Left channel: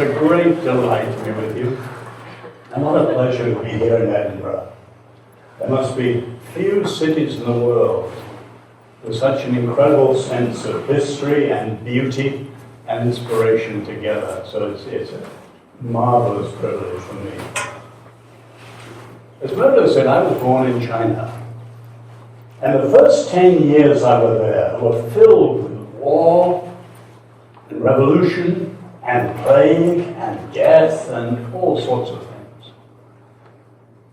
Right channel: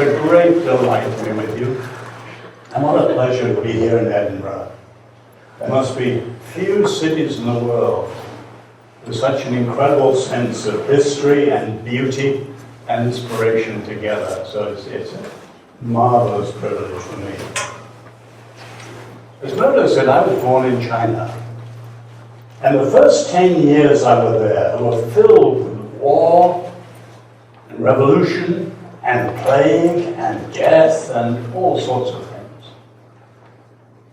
a great delight to be with you, and what a pleasure to be here in Edinburgh. There must be few cities in the world with such an incredible sense of history and beauty and inspiration together. So it's a marvelous privilege for me. As Murdo said, I was born in China. And the first 10 years I was there were filled with war and revolution and plague and death and all sorts of things.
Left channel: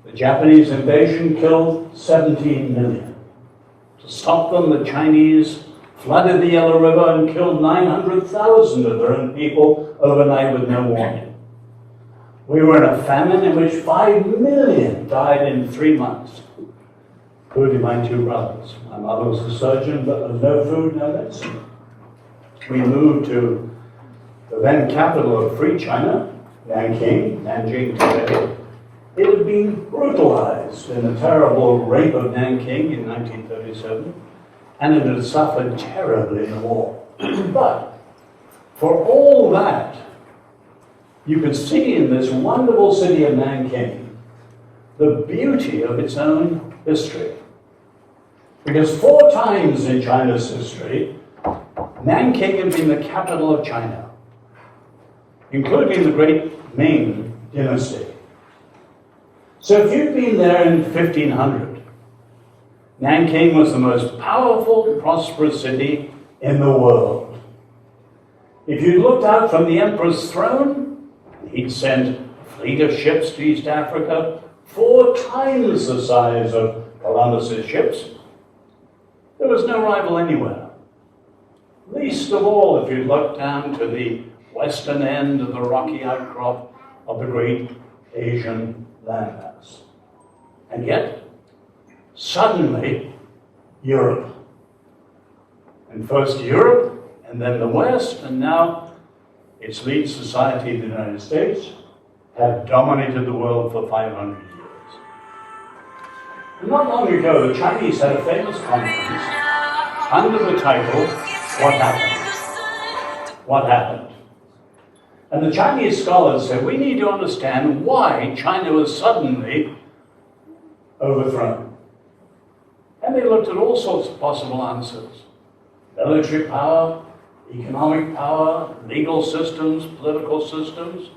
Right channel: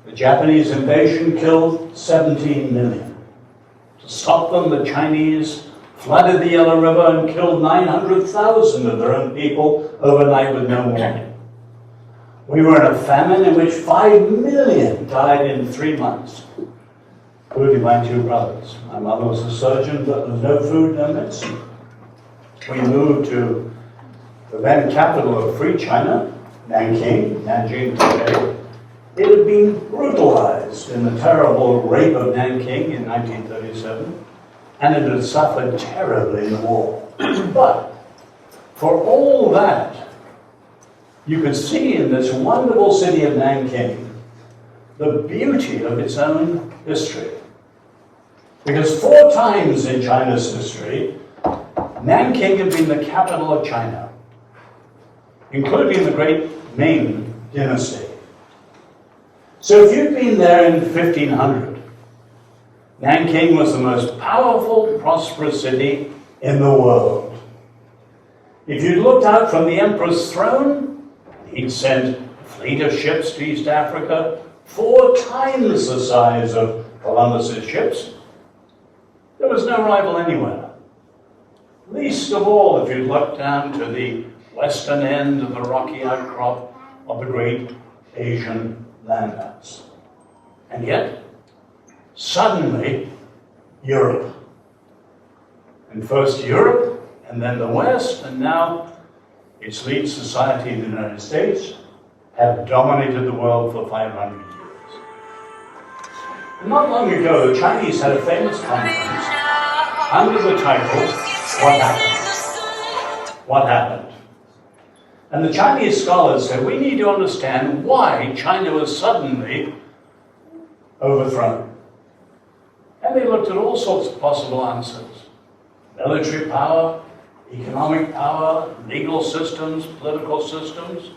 The Japanese invasion killed 17 million. To stop them, the Chinese flooded the Yellow River and killed 900,000 of their own people overnight with no warning. We were in a famine in which 5 million died in 3 months, including my 2 brothers. My mother was a surgeon, but there was no food, no medicine. We moved to the then capital of free China, Nanjing today. It had been brutalized in the terrible rape of Nanking in 1937, and it had suffered terribly in the war. But for all that, you could see in this wonderful city of Nanking the beauty of its own history. Because 4 times in China's history, Nanking had been the capital of China, including the great Ming dynasty. So if you'd been there in 1500, Nanking was the most powerful, prosperous city in the world. If you looked out from the emperor's throne, he'd sent a fleet of ships to East Africa, 4 times the size of Columbus's ships. There was no rival anywhere. Least of all if you looked down to the western end of the rocky outcrop of the great Asian landmass. And yet, suddenly, Europe. And first Europe, and then the West, and now its lead society, the United States, have dominated the world for 500 years. And not long ago, the Chinese had a famous conference under the title, What Happened? What happened? And the Chinese scholars said, we need to understand why China was suddenly overthrown. And they looked at all sorts of possible answers. Military power, economic power, legal systems, political systems.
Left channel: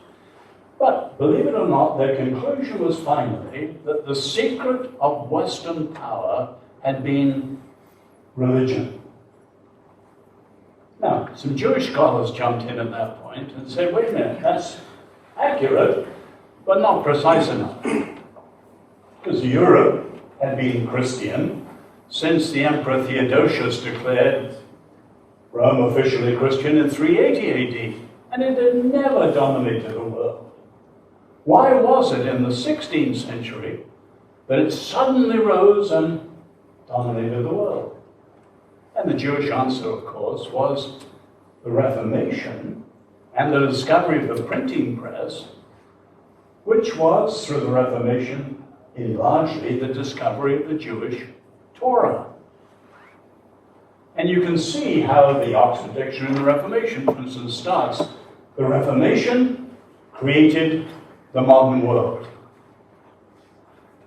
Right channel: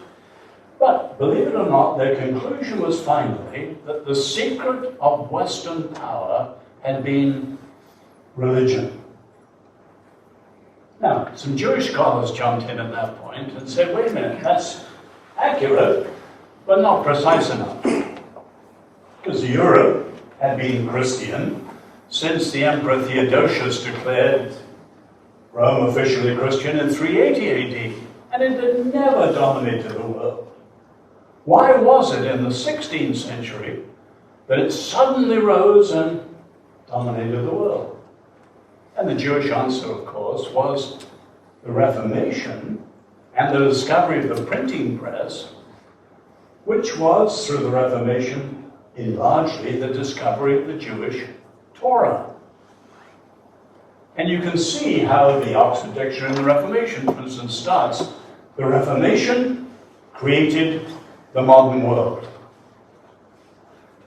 But believe it or not, their conclusion was finally that the secret of Western power had been religion. Now, some Jewish scholars jumped in at that point and said, wait a minute, that's accurate, but not precise enough. Because Europe had been Christian since the Emperor Theodosius declared Rome officially Christian in 380 AD, and it had never dominated the world. Why was it in the 16th century that it suddenly rose and dominated the world? And the Jewish answer, of course, was the Reformation and the discovery of the printing press, which was, through the Reformation, largely the discovery of the Jewish Torah. And you can see how the Oxford Dictionary in the Reformation, for instance, starts, the Reformation created the modern world.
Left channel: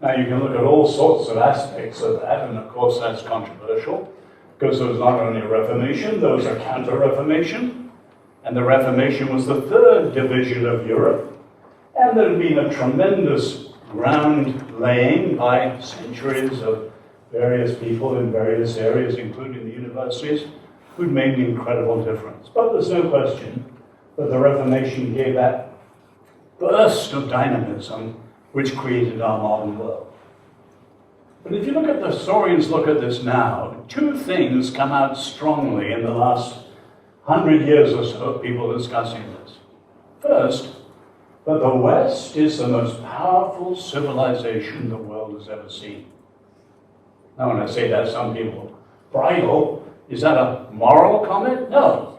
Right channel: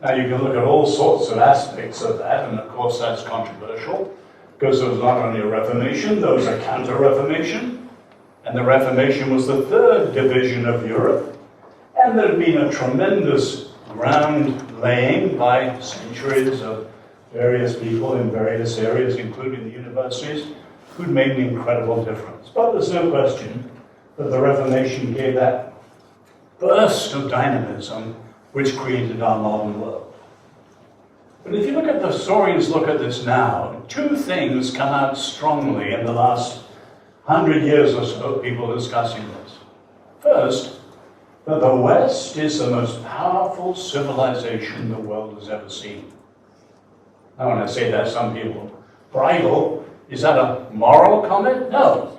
Now you can look at all sorts of aspects of that, and of course that's controversial, because there was not only a Reformation, there was a Counter-Reformation, and the Reformation was the 3rd division of Europe, and there had been a tremendous ground laying by centuries of various people in various areas, including the universities, who'd made an incredible difference. But there's no question that the Reformation gave that burst of dynamism which created our modern world. But if you look at the historians look at this now, 2 things come out strongly in the last 100 years or so, people discussing this. First, that the West is the most powerful civilization the world has ever seen. Now when I say that, some people bridle. Is that a moral comment? No.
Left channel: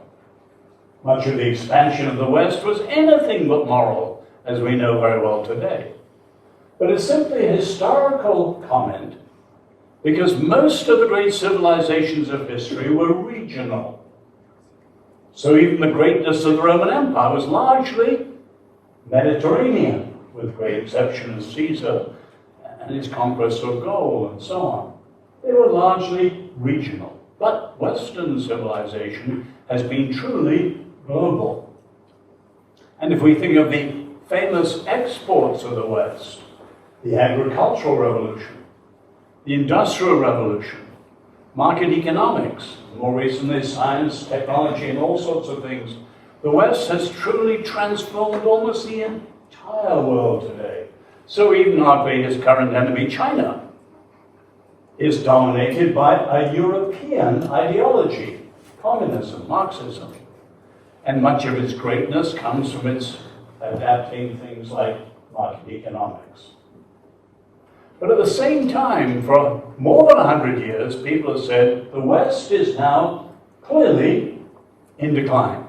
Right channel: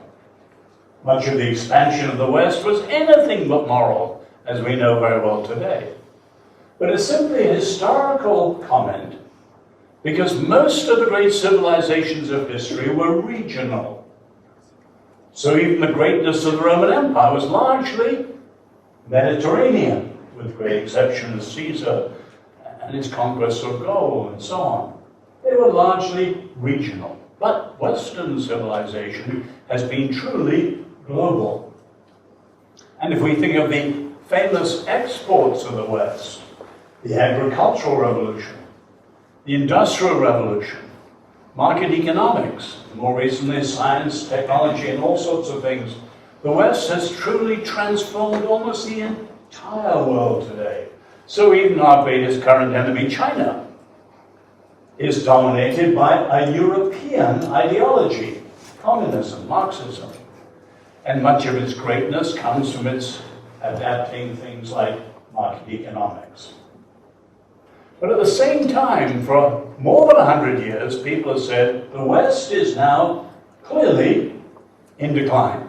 Much of the expansion of the West was anything but moral, as we know very well today. But it's simply a historical comment, because most of the great civilizations of history were regional. So even the greatness of the Roman Empire was largely Mediterranean, with great exception of Caesar and his conquest of Gaul and so on. They were largely regional. But Western civilization has been truly global. And if we think of the famous exports of the West, the agricultural revolution, the industrial revolution, market economics, more recently science, technology, and all sorts of things, the West has truly transformed almost the entire world today. So even our greatest current enemy, China, is dominated by a European ideology, communism, Marxism. And much of its greatness comes from its adapting things like market economics. But at the same time, for more than 100 years, people have said the West is now clearly in decline.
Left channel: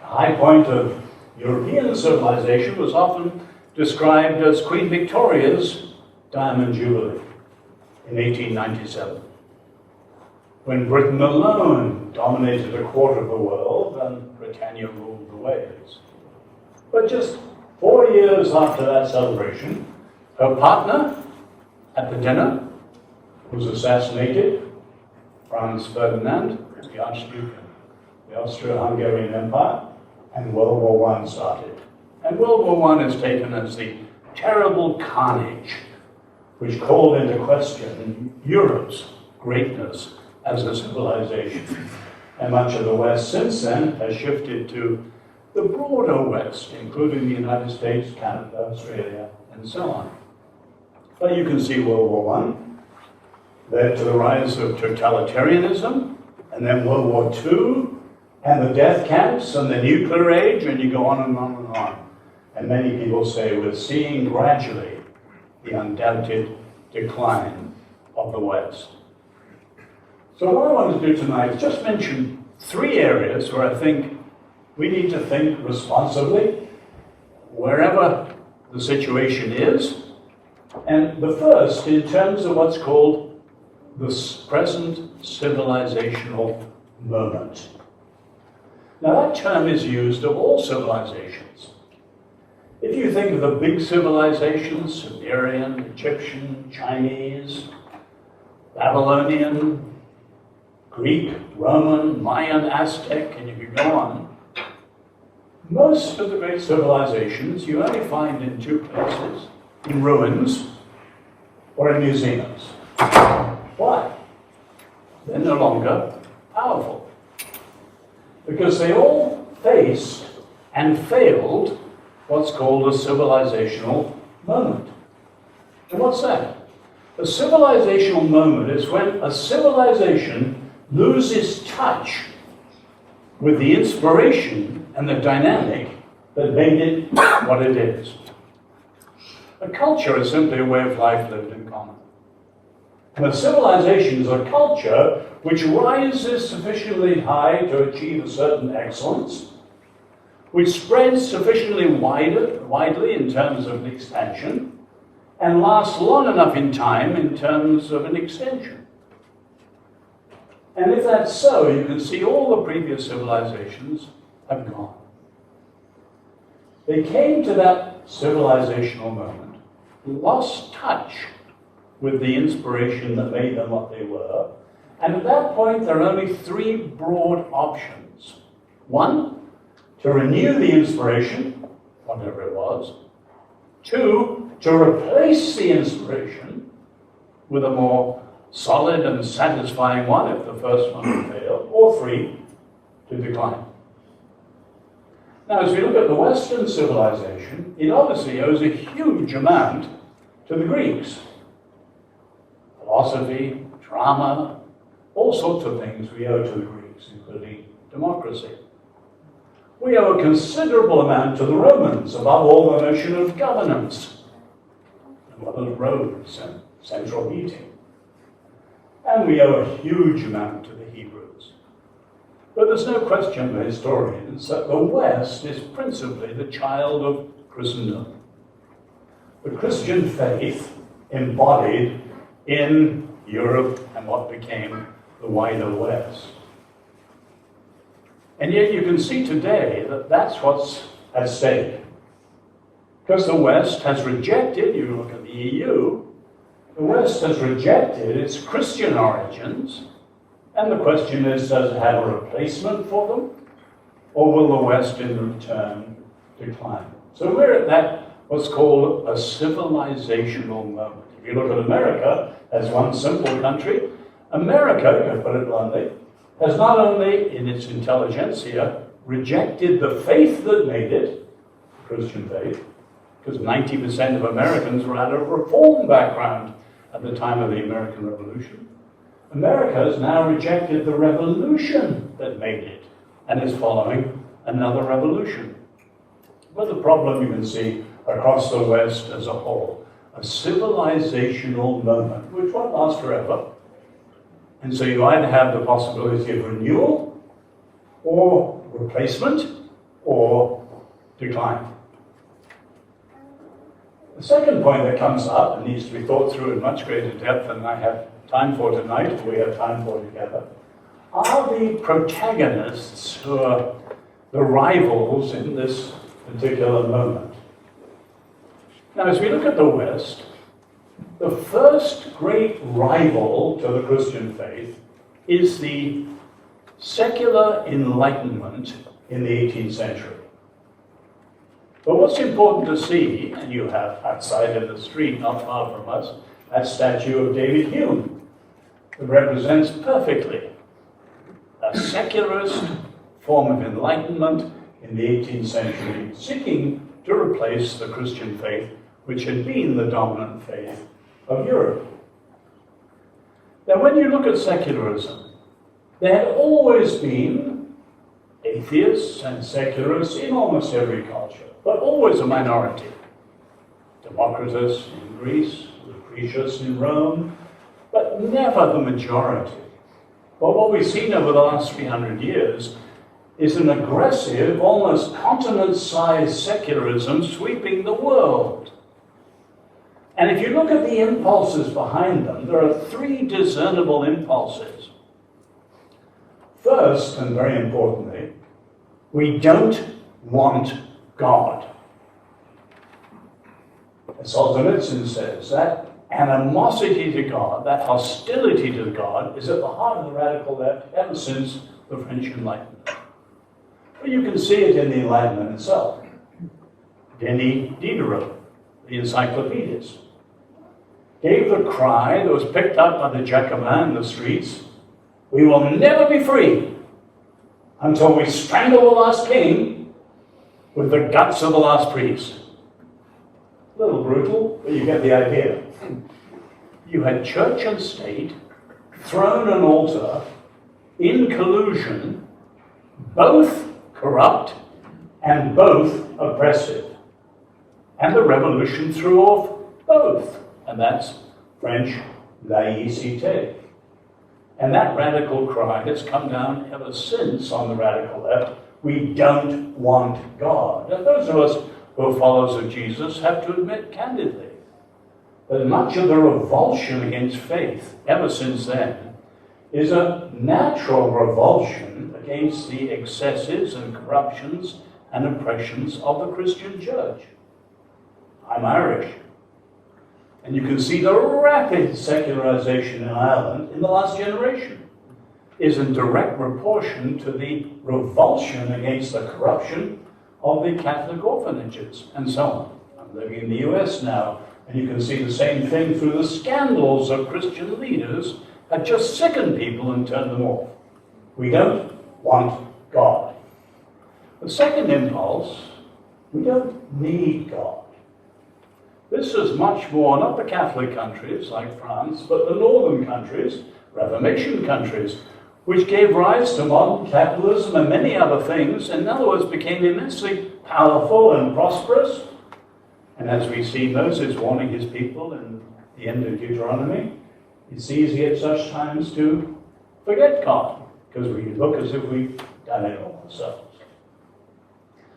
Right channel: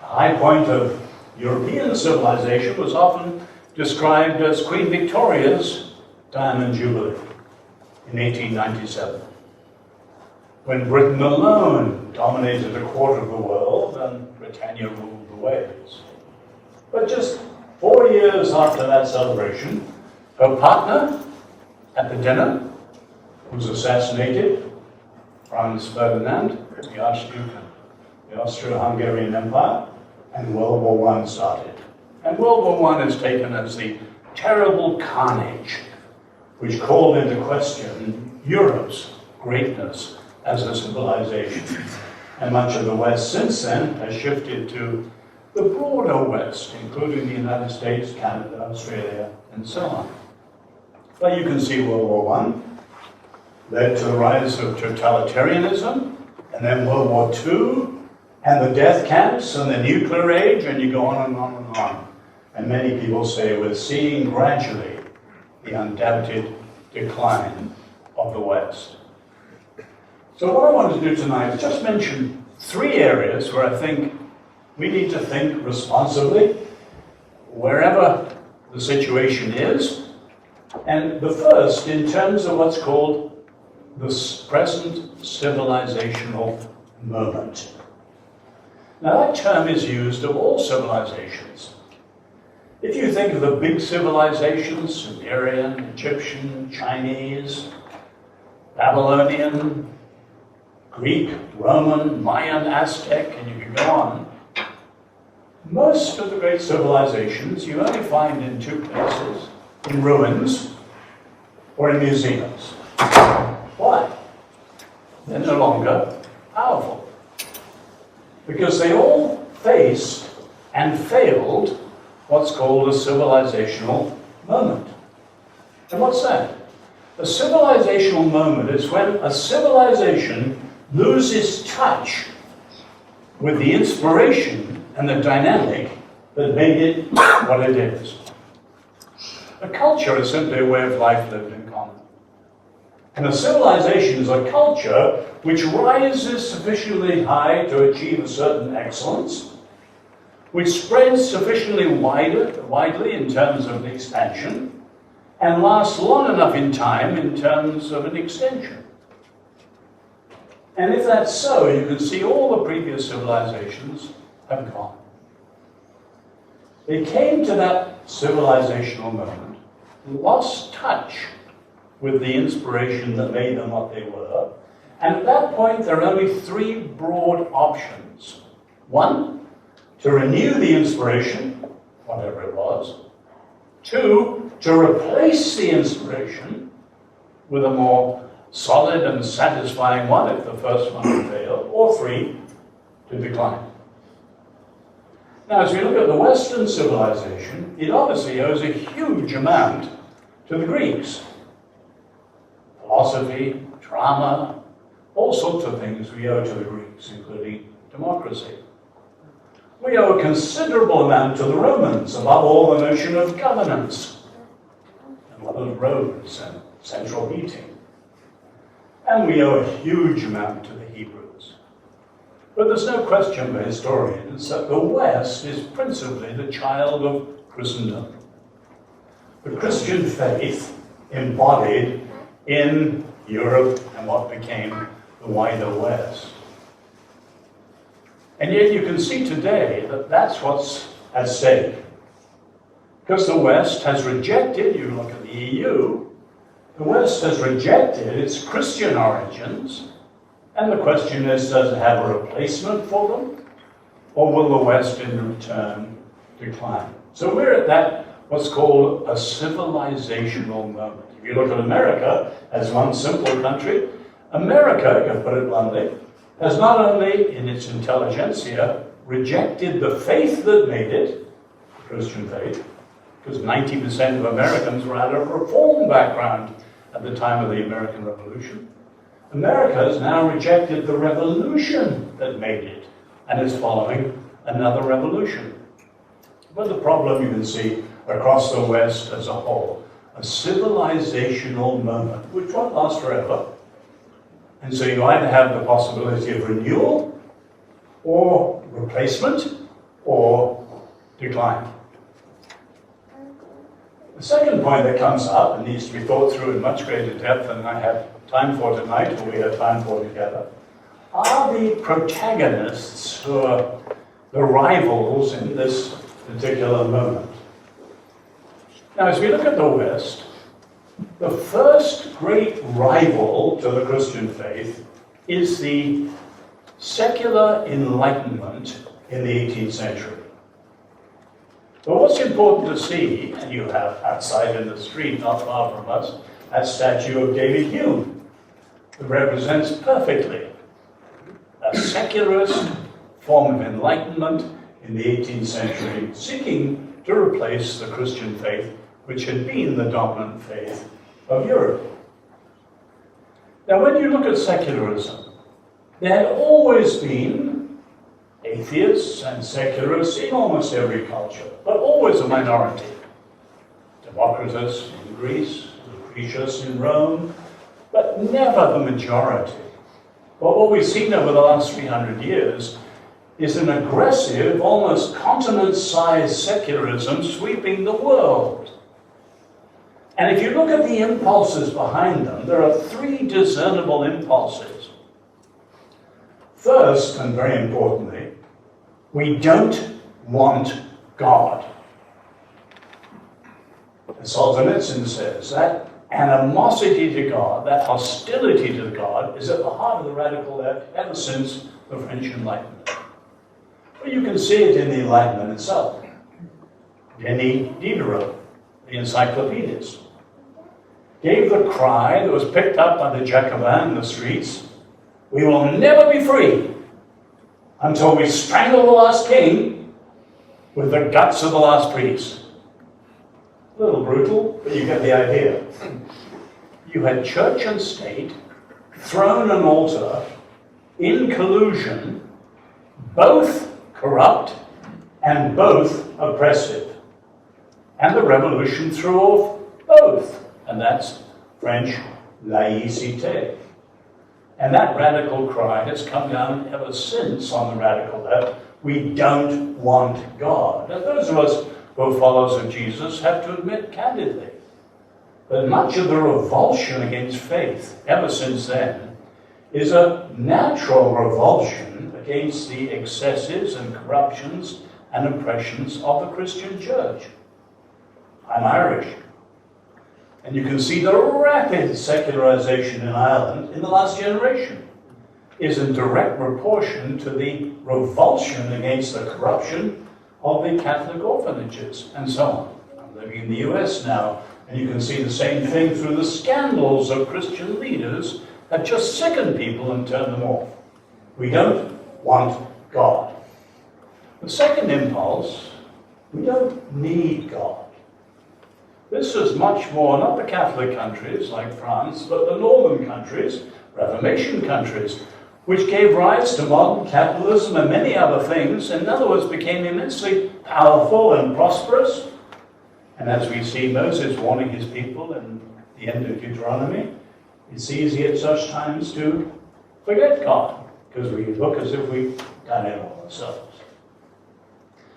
The high point of European civilization was often described as Queen Victoria's Diamond Jubilee in 1897, when Britain alone dominated a quarter of the world and Britannia ruled the waves. But just 4 years after that celebration, her partner at the dinner was assassinated, Franz Ferdinand, the Archduke of the Austro-Hungarian Empire, and World War I started. And World War I is taken as the terrible carnage which called into question Europe's greatness as a civilization. And much of the West since then has shifted to the broader West, including the United States, Canada, Australia, and so on. But you can see World War I led to the rise of totalitarianism, and then World War II, and the death camps, and the nuclear age, and you go on and on and on. And many people say we're seeing gradually the undoubted decline of the West. So what I want to do tonight is just mention 3 areas where I think we need to think responsibly, wherever the situation is. And the first, in terms of what's called the present civilizational moment. Now that term is used of all civilizations. If you think of the big civilizations, Sumerian, Egyptian, Chinese, Babylonian, Greek, Roman, Mayan, Aztec, and you can go on, most of the great civilizations you only find in 2 places, in ruins or in museums. Why? They're no longer powerful. Because they all faced and failed what's called a civilizational moment. And what's that? A civilizational moment is when a civilization loses touch with the inspiration and the dynamic that made it what it is. A culture is simply a way of life lived in common. And a civilization is a culture which rises sufficiently high to achieve a certain excellence, which spreads sufficiently widely in terms of an expansion, and lasts long enough in time in terms of an extension. And if that's so, you can see all the previous civilizations have gone. They came to that civilizational moment, lost touch with the inspiration that made them what they were, and at that point there are only 3 broad options. 1, to renew the inspiration, whatever it was. 2, to replace the inspiration with a more solid and satisfying one if the first one failed. Or 3, to decline. Now, as we look at the Western civilization, it obviously owes a huge amount to the Greeks. Philosophy, drama, all sorts of things we owe to the Greeks, including democracy. We owe a considerable amount to the Romans, above all the notion of governance, and what of roads and central heating. And we owe a huge amount to the Hebrews. But there's no question for historians that the West is principally the child of Christendom. The Christian faith embodied in Europe and what became the wider West. And yet you can see today that that's what's at stake. Because the West has rejected, you look at the EU, the West has rejected its Christian origins, and the question is, does it have a replacement for them, or will the West in return decline? So we're at that, what's called a civilizational moment. If you look at America as one simple country, America, you can put it bluntly, has not only in its intelligentsia rejected the faith that made it, the Christian faith, because 90% of Americans were out of a reform background at the time of the American Revolution. America has now rejected the revolution that made it and is following another revolution. But the problem you can see across the West as a whole, a civilizational moment, which won't last forever. And so you either have the possibility of renewal, or replacement, or decline. The second point that comes up and needs to be thought through in much greater depth than I have time for tonight, or we have time for together, are the protagonists who are the rivals in this particular moment. Now, as we look at the West, the first great rival to the Christian faith is the secular Enlightenment in the 18th century. But what's important to see, and you have outside in the street, not far from us, that statue of David Hume, that represents perfectly a secularist form of enlightenment in the 18th century, seeking to replace the Christian faith, which had been the dominant faith of Europe. Now, when you look at secularism, there had always been atheists and secularists in almost every culture, but always a minority. Democritus in Greece, Lucretius in Rome, but never the majority. But what we've seen over the last 300 years is an aggressive, almost continent-sized secularism sweeping the world. And if you look at the impulses behind them, there are three discernible impulses. First, and very importantly, we don't want God. As Solzhenitsyn says, that animosity to God, that hostility to God, is at the heart of the radical left ever since the French Enlightenment. But you can see it in the Enlightenment itself. Denis Diderot, the encyclopedist, gave the cry that was picked up by the Jacobins in the streets: we will never be free until we strangle the last king with the guts of the last priest. A little brutal, but you get the idea. You had church and state thrown an altar in collusion, both corrupt and both oppressive. And the revolution threw off both. And that's French laïcité. And that radical cry has come down ever since on the radical left. We don't want God. And those of us who are followers of Jesus have to admit candidly that much of the revulsion against faith ever since then is a natural revulsion against the excesses and corruptions and oppressions of the Christian church. I'm Irish. And you can see the rapid secularization in Ireland in the last generation is in direct proportion to the revulsion against the corruption of the Catholic orphanages and so on. I'm living in the US now, and you can see the same thing through the scandals of Christian leaders that just sicken people and turn them off. We don't want God. The second impulse, we don't need God. This is much more, not the Catholic countries like France, but the northern countries, Reformation countries, which gave rise to modern capitalism and many other things, in other words, became immensely powerful and prosperous. And as we see Moses warning his people in the end of Deuteronomy, it's easy at such times to forget God, because we look as if we've done it all ourselves.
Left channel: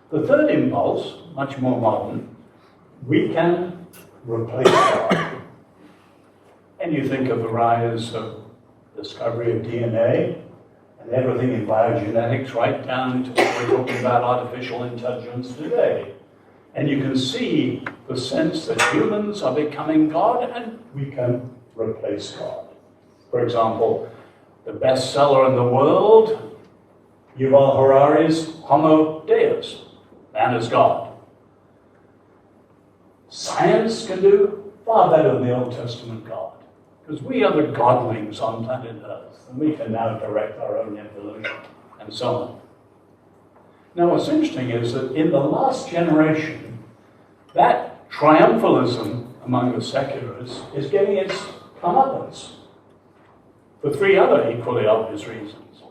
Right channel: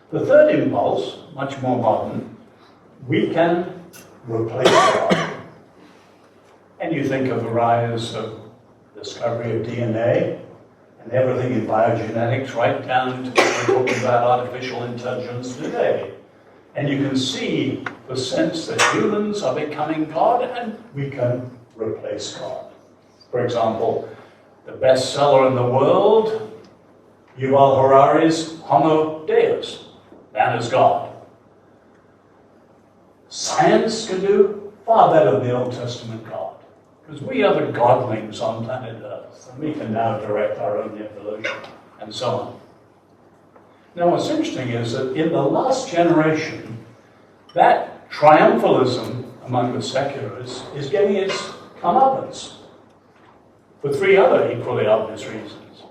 The third impulse, much more modern, we can replace God. And you think of the rise of discovery of DNA and everything in biogenetics right down to what we're talking about artificial intelligence today. And you can see the sense that humans are becoming God and we can replace God. For example, the bestseller in the world, Yuval Harari's Homo Deus, man is God. Science can do far better than the Old Testament God, because we are the godlings on planet Earth, and we can now direct our own evolution, and so on. Now, what's interesting is that in the last generation, that triumphalism among the secularists is getting its comeuppance for three other equally obvious reasons.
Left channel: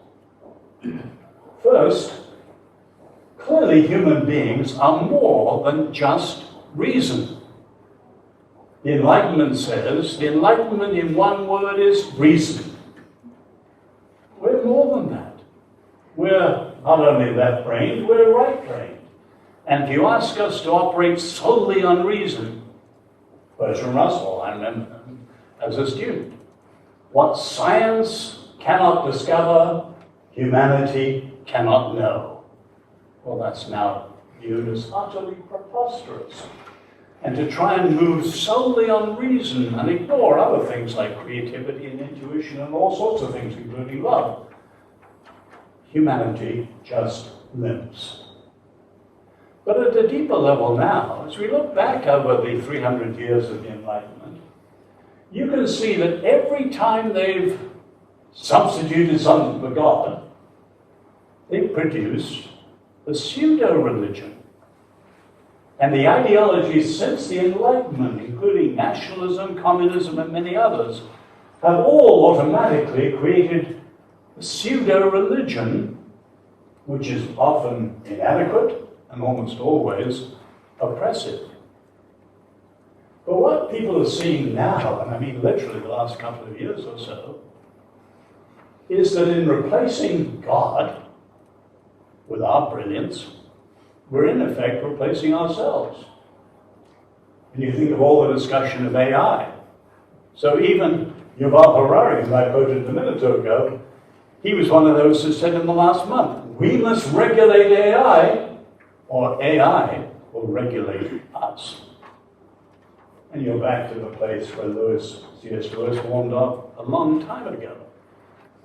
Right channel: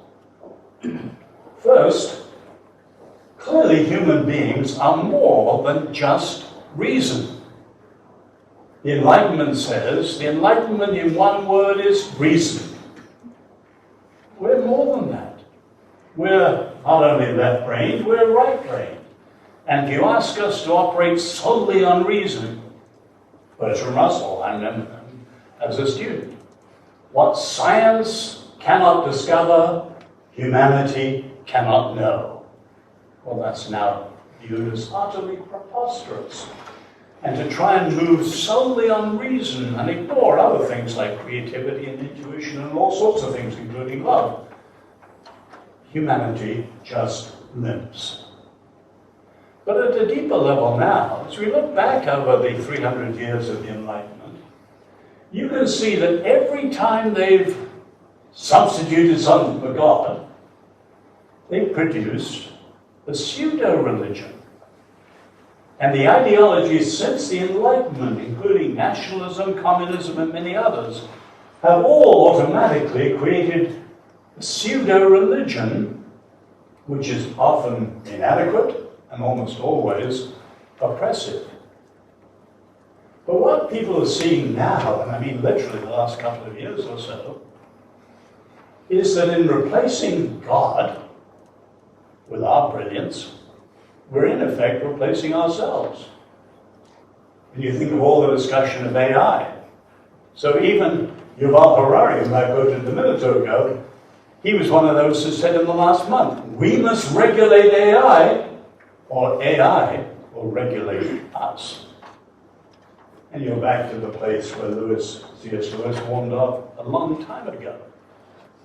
First, clearly human beings are more than just reason. The Enlightenment says, the Enlightenment in one word is reason. We're more than that. We're not only left-brained, we're right-brained. And if you ask us to operate solely on reason, Bertrand Russell, I remember him as a student, what science cannot discover, humanity cannot know. Well, that's now viewed as utterly preposterous. And to try and move solely on reason and ignore other things like creativity and intuition and all sorts of things, including love, humanity just limps. But at a deeper level now, as we look back over the 300 years of the Enlightenment, you can see that every time they've substituted something for God, they've produced a pseudo-religion. And the ideologies since the Enlightenment, including nationalism, communism, and many others, have all automatically created a pseudo-religion, which is often inadequate and almost always oppressive. But what people are seeing now, and I mean literally the last couple of years or so, is that in replacing God with our brilliance, we're in effect replacing ourselves. And you think of all the discussion of AI. So even Yuval Harari, whom I quoted a minute ago, he was one of those who said in the last month, we must regulate AI, or AI will regulate us. And you're back to the place where C.S. Lewis warned of a long time ago,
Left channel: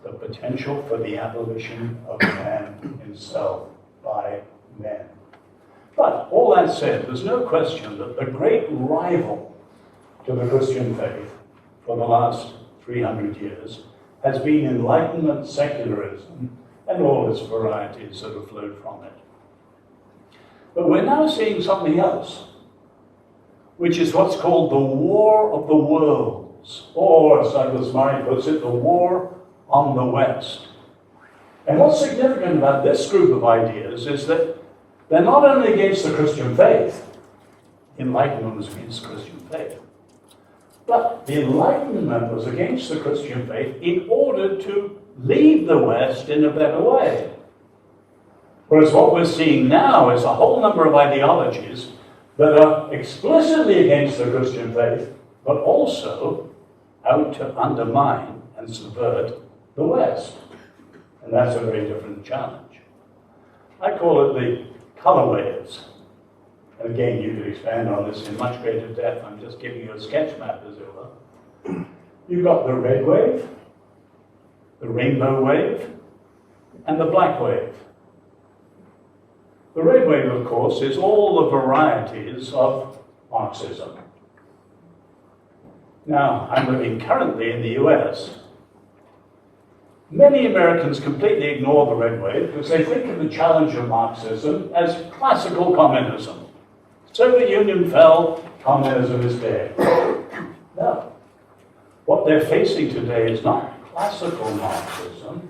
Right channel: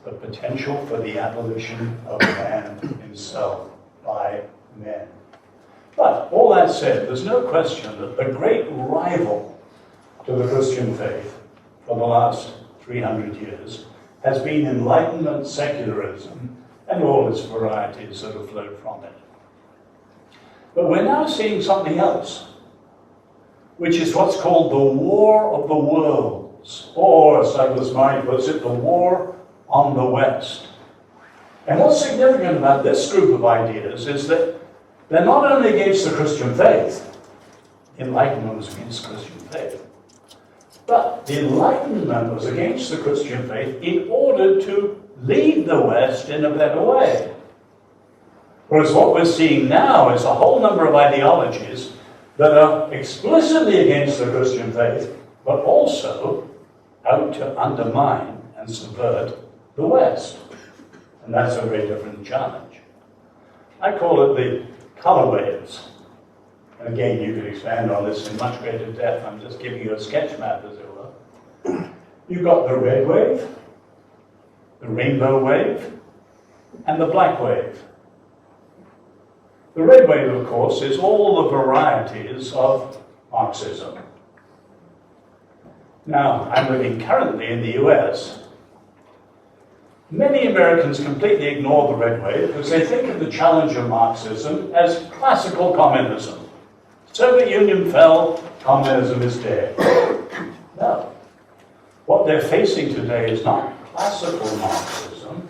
the potential for the abolition of man himself by men. But all that said, there's no question that the great rival to the Christian faith for the last 300 years has been Enlightenment secularism and all its varieties that have flowed from it. But we're now seeing something else, which is what's called the War of the Worlds, or as Douglas Murray puts it, the War on the West. And what's significant about this group of ideas is that they're not only against the Christian faith, Enlightenment was against Christian faith, but the Enlightenment was against the Christian faith in order to lead the West in a better way. Whereas what we're seeing now is a whole number of ideologies that are explicitly against the Christian faith, but also out to undermine and subvert the West. And that's a very different challenge. I call it the color waves. And again, you could expand on this in much greater depth. I'm just giving you a sketch map, as it were. You've got the red wave, the rainbow wave, and the black wave. The red wave, of course, is all the varieties of Marxism. Now, I'm living currently in the US. Many Americans completely ignore the red wave because they think of the challenge of Marxism as classical communism. Soviet Union fell, communism is dead. No. What they're facing today is not classical Marxism,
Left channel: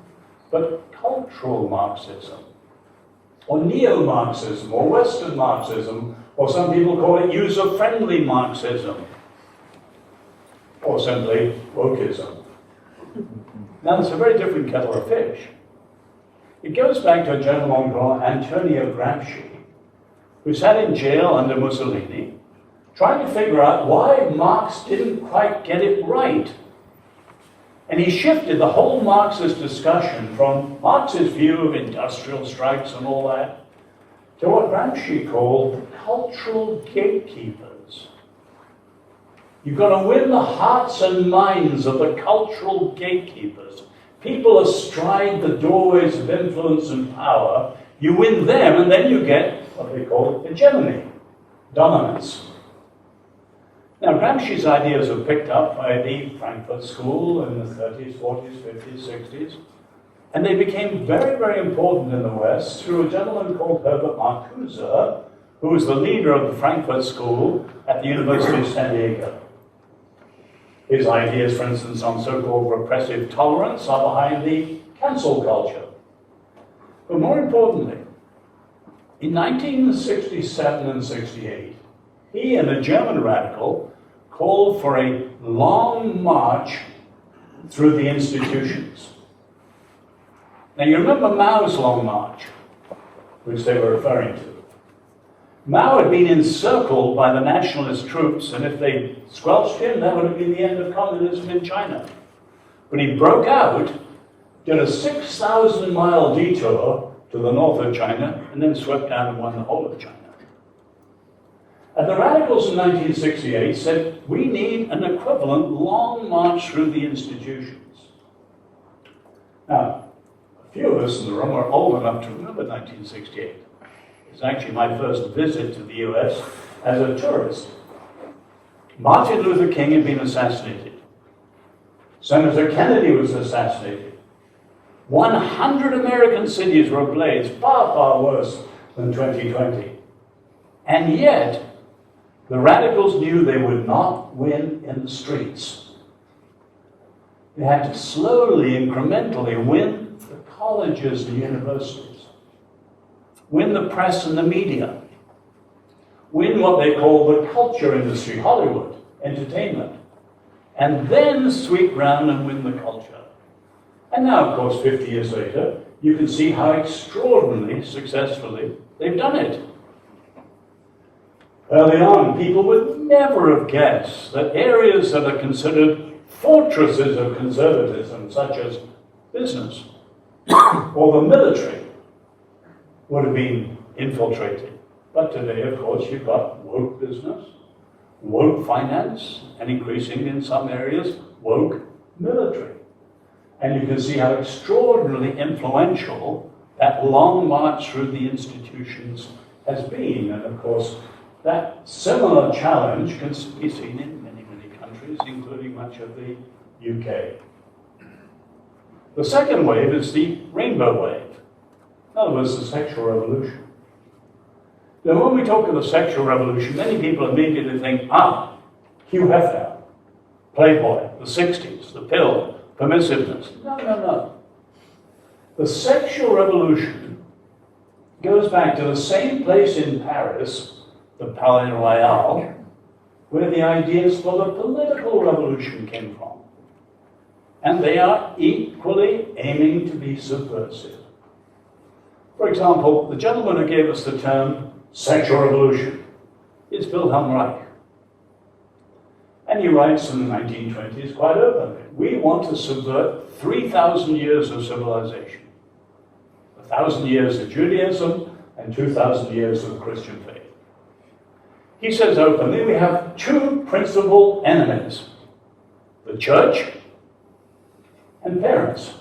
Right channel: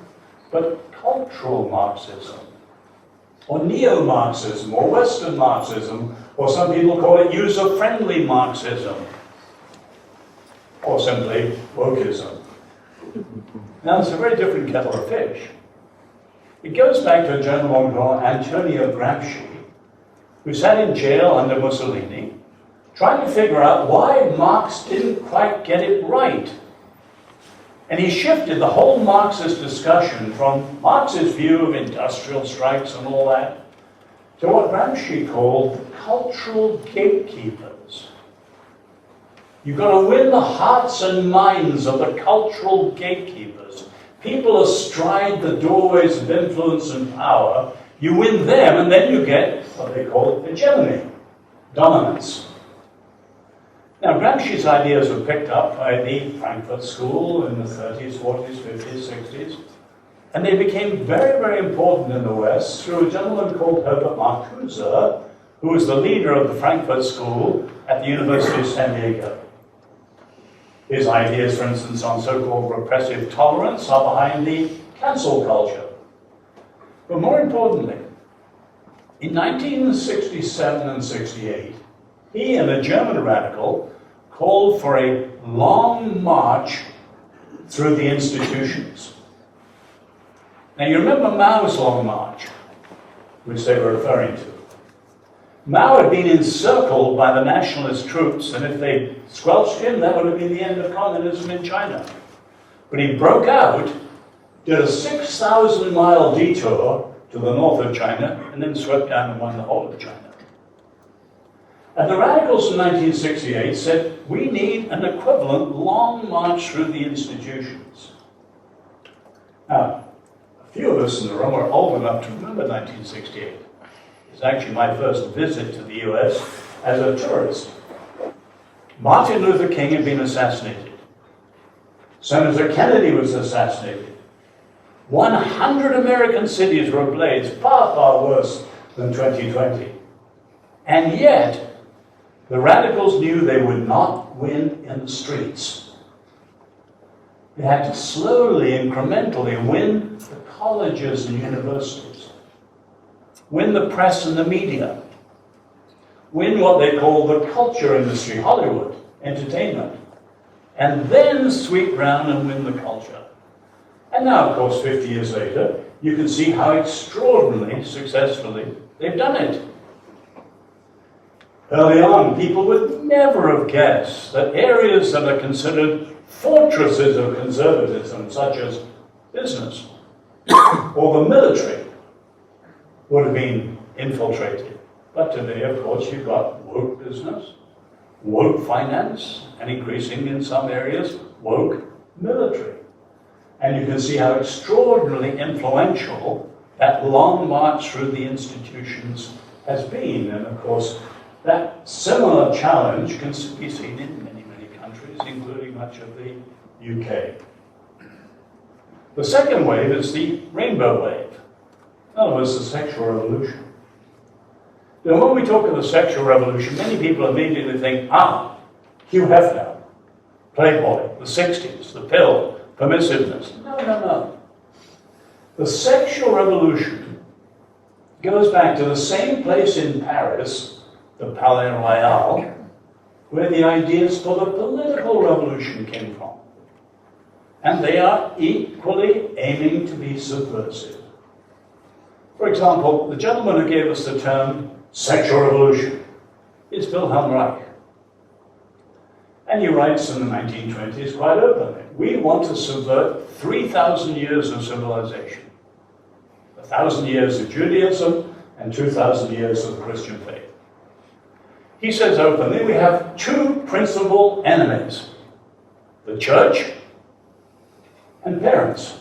but cultural Marxism, or neo-Marxism, or Western Marxism, or some people call it user-friendly Marxism, or simply wokeism. Now, it's a very different kettle of fish. It goes back to a gentleman called Antonio Gramsci, who sat in jail under Mussolini, trying to figure out why Marx didn't quite get it right. And he shifted the whole Marxist discussion from Marx's view of industrial strikes and all that to what Gramsci called the cultural gatekeepers. You've got to win the hearts and minds of the cultural gatekeepers. People astride the doorways of influence and power. You win them, and then you get what they call hegemony, dominance. Now, Gramsci's ideas were picked up by the Frankfurt School in the 30s, 40s, 50s, 60s, and they became very, very important in the West through a gentleman called Herbert Marcuse, who was the leader of the Frankfurt School at the University of San Diego. His ideas, for instance, on so-called repressive tolerance are behind the cancel culture. But more importantly, in 1967 and 68, he and a German radical called for a long march through the institutions. Now you remember Mao's long march, which they were referring to. Mao had been encircled by the nationalist troops, and if they squelched him, that would have been the end of communism in China. But he broke out, did a 6,000-mile detour to the north of China, and then swept down and won the whole of China. And the radicals in 1968 said, we need an equivalent long march through the institutions. Now, a few of us in the room are old enough to remember 1968. It's actually my first visit to the US as a tourist. Martin Luther King had been assassinated. Senator Kennedy was assassinated. 100 American cities were ablaze, far, far worse than 2020. And yet, the radicals knew they would not win in the streets. They had to slowly, incrementally win the colleges and universities, win the press and the media, win what they call the culture industry, Hollywood, entertainment, and then sweep round and win the culture. And now, of course, 50 years later, you can see how extraordinarily successfully they've done it. Early on, people would never have guessed that areas that are considered fortresses of conservatism, such as business or the military, would have been infiltrated. But today, of course, you've got woke business, woke finance, and increasingly in some areas, woke military. And you can see how extraordinarily influential that long march through the institutions has been. And of course, that similar challenge can be seen in many, many countries, including much of the UK. The second wave is the rainbow wave. In other words, the sexual revolution. Now, when we talk of the sexual revolution, many people immediately think, Hugh Hefner, Playboy, the 60s, the pill, permissiveness. No. The sexual revolution goes back to the same place in Paris, the Palais Royal, where the ideas for the political revolution came from. And they are equally aiming to be subversive. For example, the gentleman who gave us the term sexual revolution is Wilhelm Reich. And he writes in the 1920s quite openly, we want to subvert 3,000 years of civilization. 1,000 years of Judaism and 2,000 years of Christian faith. He says openly, we have two principal enemies, the church and parents.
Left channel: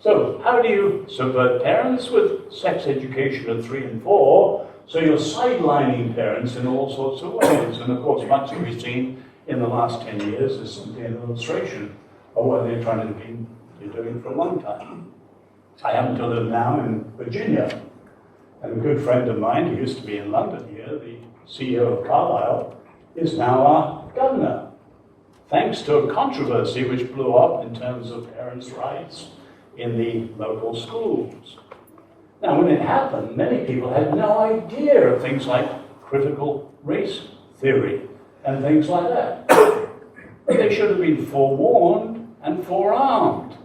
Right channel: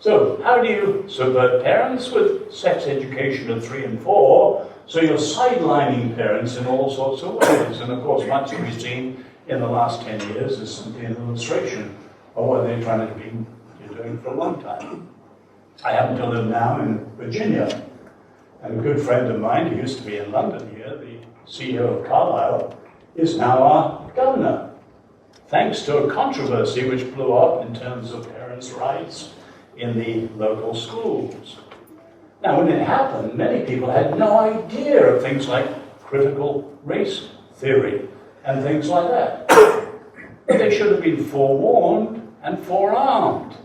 So how do you subvert parents? With sex education at 3 and 4, so you're sidelining parents in all sorts of ways. And of course, much that we've seen in the last 10 years is simply an illustration of what they're trying to be doing for a long time. I happen to live now in Virginia, and a good friend of mine who used to be in London here, the CEO of Carlyle, is now our governor, thanks to a controversy which blew up in terms of parents' rights in the local schools. Now, when it happened, many people had no idea of things like critical race theory and things like that. But they should have been forewarned and forearmed,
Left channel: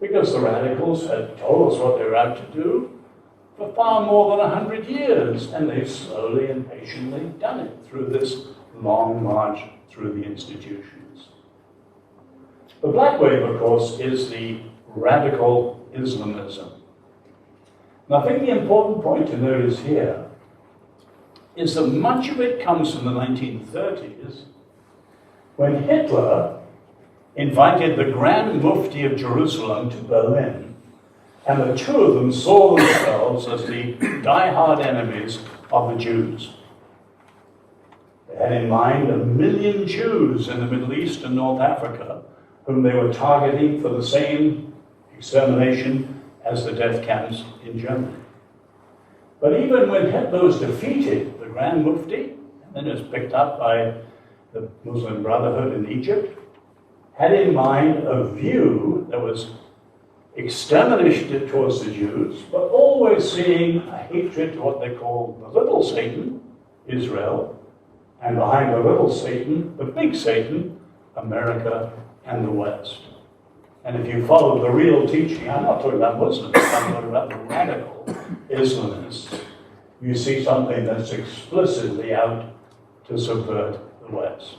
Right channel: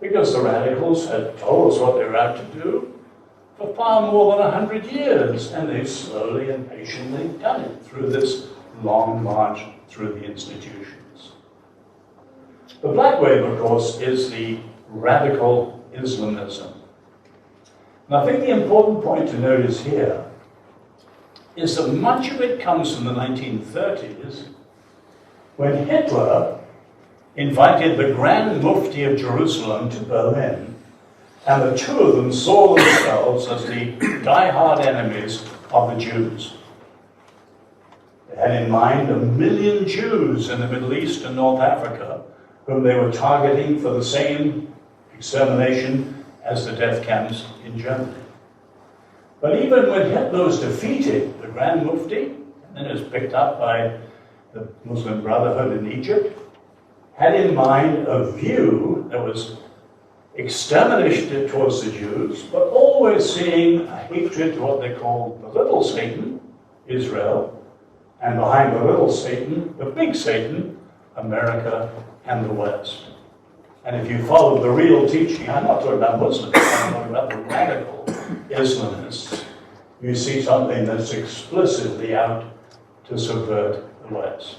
because the radicals had told us what they were out to do for far more than 100 years, and they've slowly and patiently done it through this long march through the institutions. The black wave, of course, is the radical Islamism. And I think the important point to notice here is that much of it comes from the 1930s, when Hitler invited the Grand Mufti of Jerusalem to Berlin, and the two of them saw themselves as the die-hard enemies of the Jews. They had in mind 1 million Jews in the Middle East and North Africa, whom they were targeting for the same extermination as the death camps in Germany. But even when Hitler was defeated, the Grand Mufti, and then it was picked up by the Muslim Brotherhood in Egypt, had in mind a view that was extermination towards the Jews, but always seeing a hatred to what they called the little Satan, Israel, and behind the little Satan, the big Satan, America and the West. And if you follow the real teaching, I'm not talking about Muslims, I'm talking about the radical Islamists, you see something that's explicitly out to subvert the West.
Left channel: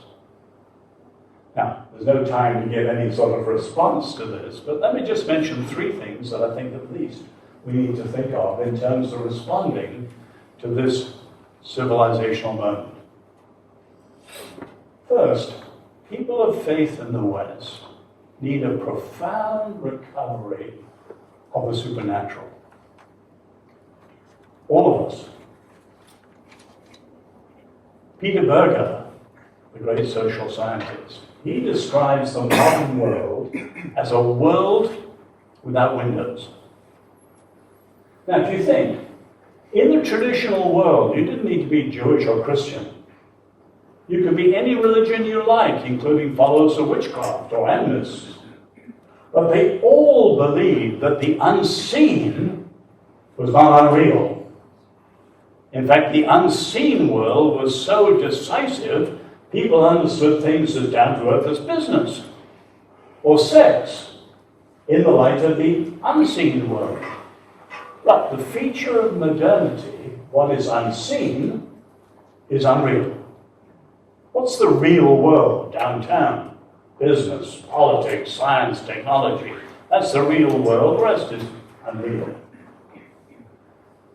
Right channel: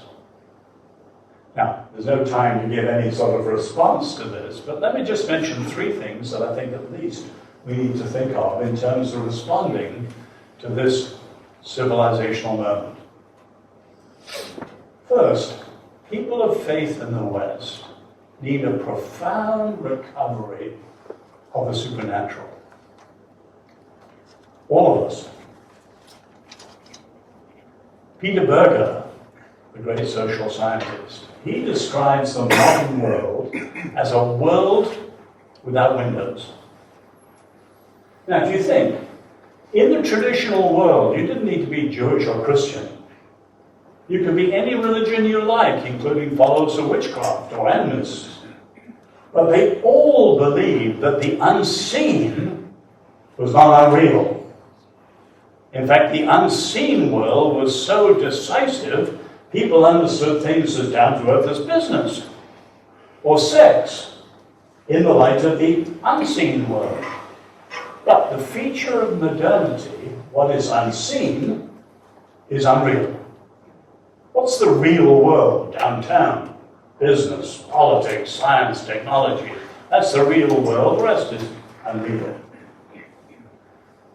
Now, there's no time to give any sort of response to this, but let me just mention 3 things that I think at least we need to think of in terms of responding to this civilizational moment. First, people of faith in the West need a profound recovery of the supernatural. All of us. Peter Berger, the great social scientist, he describes the modern world as a world without windows. Now, if you think, in the traditional world, you didn't need to be Jewish or Christian. You could be any religion you like, including followers of witchcraft or animists. But they all believed that the unseen was not unreal. In fact, the unseen world was so decisive, people understood things as down-to-earth as business or sex in the light of the unseen world. But the feature of modernity, what is unseen, is unreal. What's the real world downtown? Business, politics, science, technology. That's the real world. The rest is unreal.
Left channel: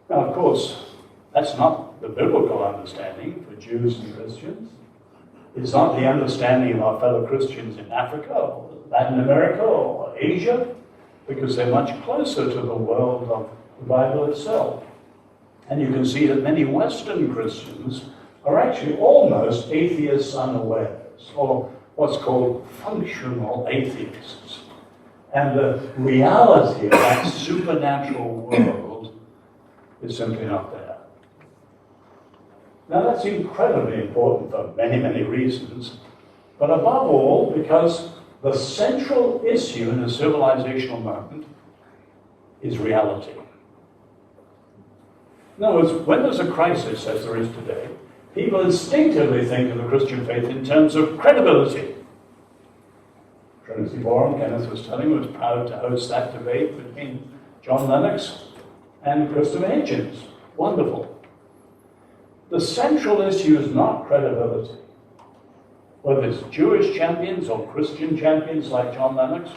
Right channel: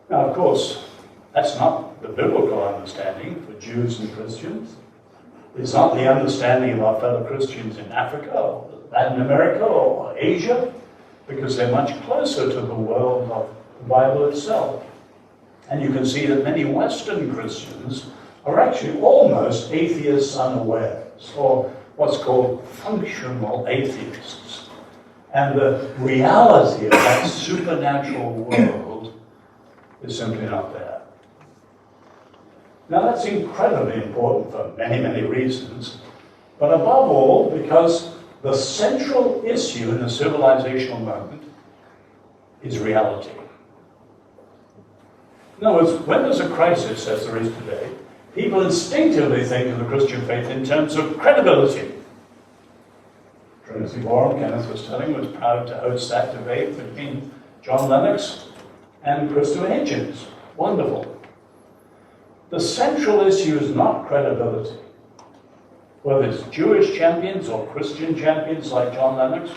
Now, of course, that's not the biblical understanding for Jews and Christians. It's not the understanding of our fellow Christians in Africa or Latin America or Asia, because they're much closer to the world of the Bible itself. And you can see that many Western Christians are actually almost atheists unawares, or what's called functional atheists. And the reality of that supernatural world is simply not there. Now that's incredibly important for many, many reasons, but above all because the central issue in a civilizational moment is reality. In other words, when there's a crisis, as there is today, people instinctively think of the Christian faith in terms of credibility. Trinity Forum, Kenneth was telling, was proud to host that debate between John Lennox and Christopher Hitchens. Wonderful. The central issue is not credibility. Whether it's Jewish champions or Christian champions like John Lennox,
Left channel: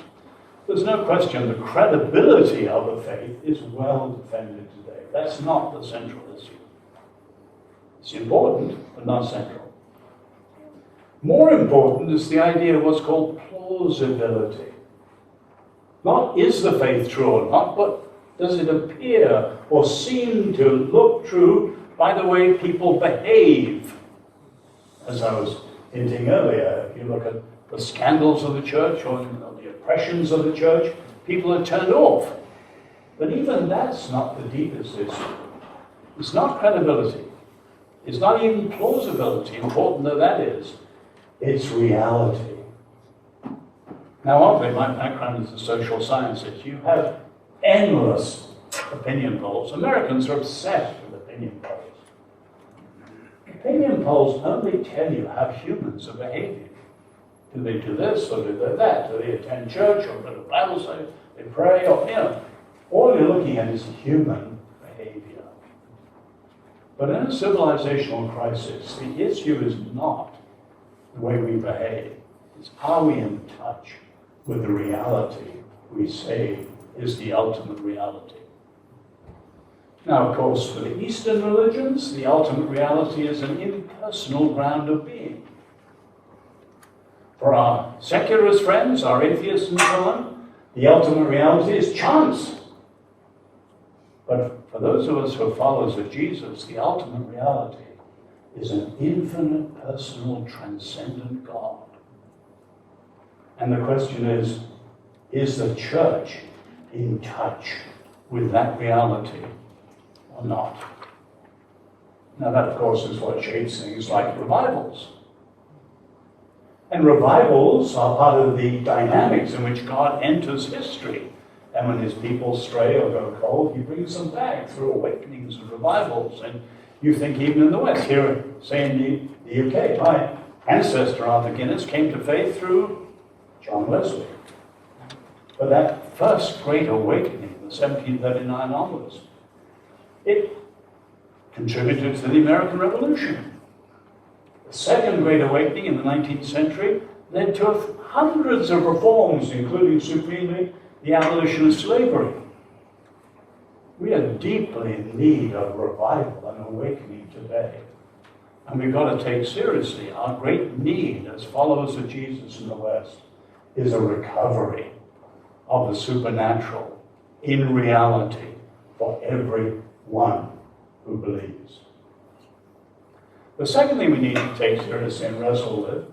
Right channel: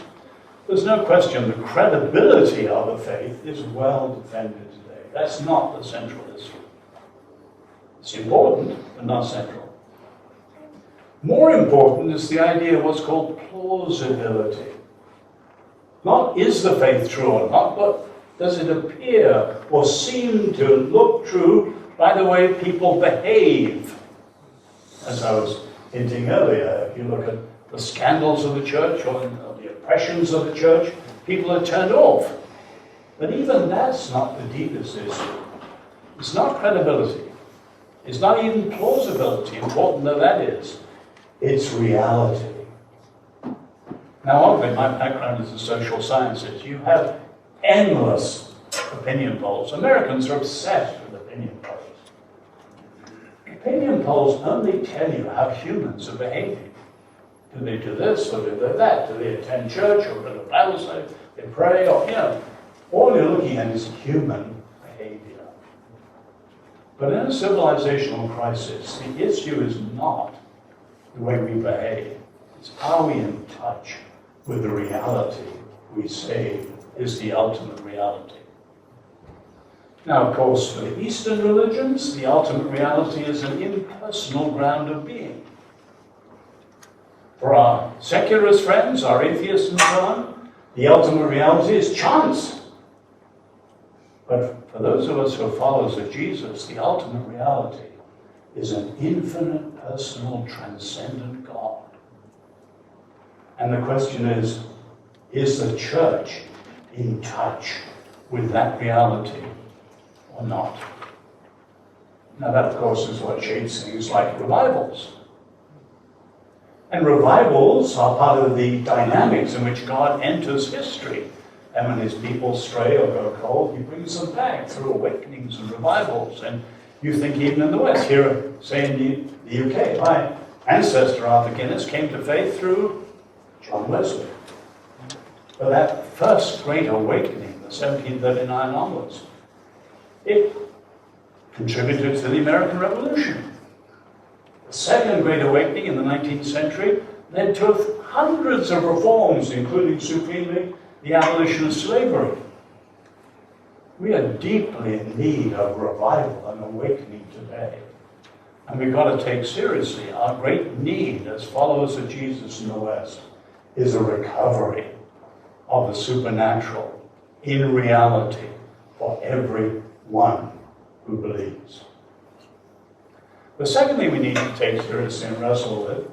there's no question the credibility of the faith is well defended today. That's not the central issue. It's important, but not central. More important is the idea of what's called plausibility. Not is the faith true or not, but does it appear or seem to look true by the way people behave? As I was hinting earlier, if you look at the scandals of the church or the oppressions of the church, people are turned off. But even that's not the deepest issue. It's not credibility. It's not even plausibility, important though that is. It's reality. Now, obviously, my background is in social sciences. You have endless opinion polls. Americans are obsessed with opinion polls. Opinion polls only tell you how humans are behaving. Do they do this or do they that? Do they attend church or go to Bible study? They pray or, all you're looking at is human behavior. But in a civilizational crisis, the issue is not the way we behave. It's are we in touch with the reality we say is the ultimate reality. Now, of course, for the Eastern religions, the ultimate reality is an impersonal ground of being. For our secularist friends, our atheists and so on, the ultimate reality is chance. But for those of us who are followers of Jesus, the ultimate reality is an infinite, personal, transcendent God. And the question is the church in touch with that reality or not? Now that, of course, is what shapes things like revivals. And revivals are part of the dynamics in which God enters history. And when his people stray or go cold, he brings them back through awakenings and revivals. And you think even in the West, here, say in the UK, my ancestor Arthur Guinness came to faith through John Wesley. But that first great awakening, the 1739 onwards, it contributed to the American Revolution. The second great awakening in the 19th century led to hundreds of reforms, including supremely the abolition of slavery. We are deeply in need of revival and awakening today. And we've got to take seriously our great need as followers of Jesus in the West is a recovery of the supernatural in reality for everyone who believes. The second thing we need to take seriously and wrestle with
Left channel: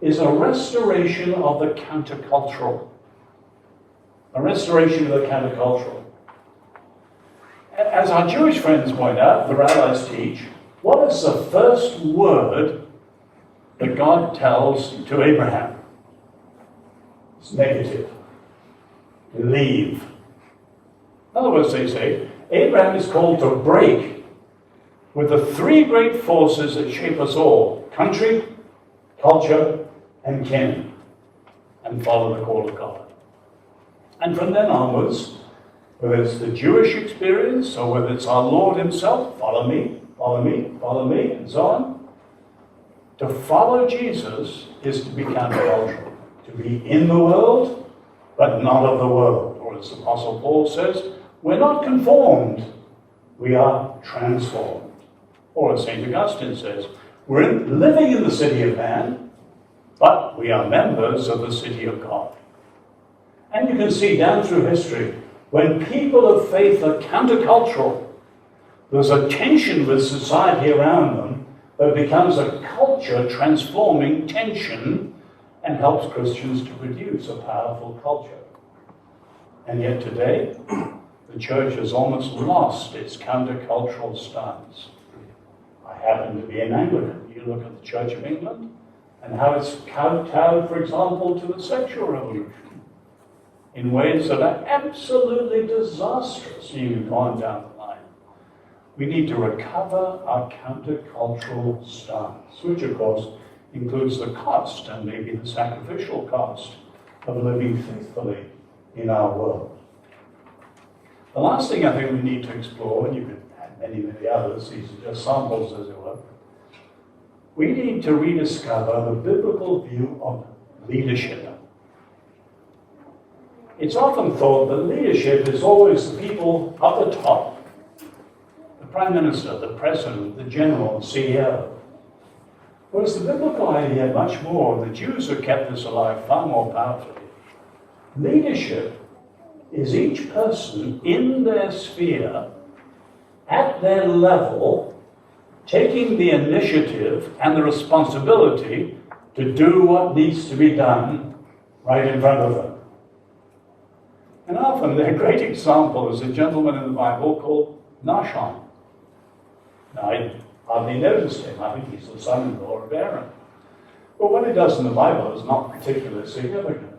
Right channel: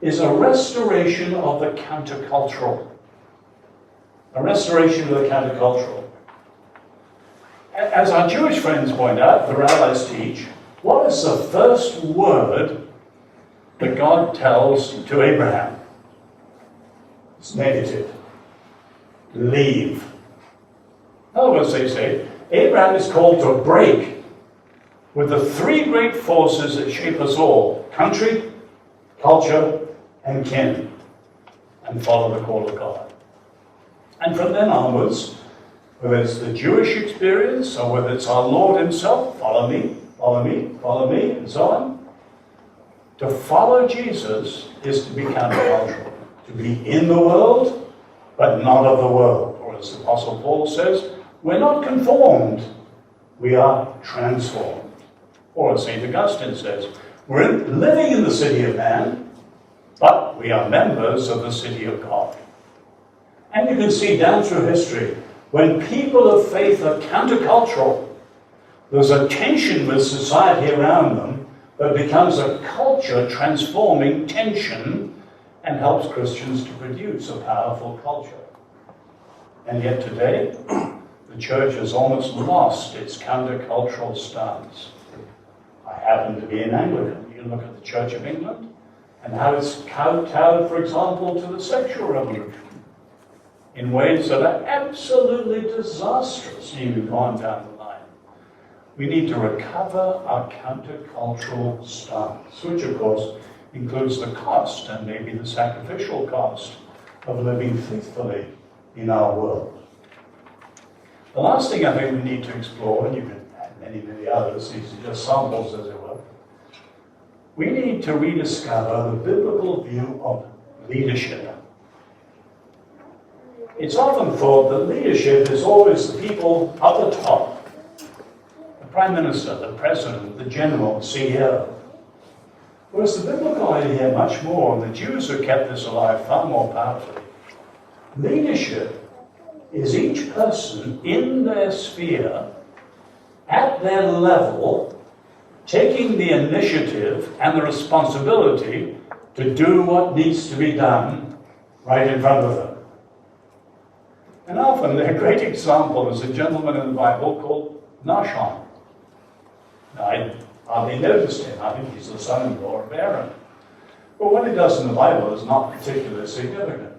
is a restoration of the countercultural. A restoration of the countercultural. As our Jewish friends point out, the rabbis teach, what is the first word that God tells to Abraham? It's negative. Leave. In other words, they say, Abraham is called to break with the three great forces that shape us all: country, culture, and kin, and follow the call of God. And from then onwards, whether it's the Jewish experience or whether it's our Lord himself, follow me, follow me, follow me, and so on, to follow Jesus is to be countercultural, to be in the world, but not of the world. Or as the Apostle Paul says, we're not conformed, we are transformed. Or as St. Augustine says, we're living in the city of man, but we are members of the city of God. And you can see down through history, when people of faith are countercultural, there's a tension with society around them that becomes a culture-transforming tension and helps Christians to produce a powerful culture. And yet today, the church has almost lost its countercultural stance. I happen to be an Anglican. You look at the Church of England and how it's kowtowed, for example, to the sexual revolution in ways that are absolutely disastrous, even on down the line. We need to recover our countercultural stance, which of course includes the cost and maybe the sacrificial cost of living faithfully in our world. The last thing I think we need to explore, and you can add many, many others, these are just samples as it were, we need to rediscover the biblical view of leadership. It's often thought that leadership is always the people up the top, the Prime Minister, the President, the General, CEO. Whereas the biblical idea much more, and the Jews have kept this alive far more powerfully, leadership is each person in their sphere, at their level, taking the initiative and the responsibility to do what needs to be done right in front of them. And often a great example is a gentleman in the Bible called Nahshon. Now, I hardly noticed him. I think he's the son-in-law of Aaron. But what he does in the Bible is not particularly significant.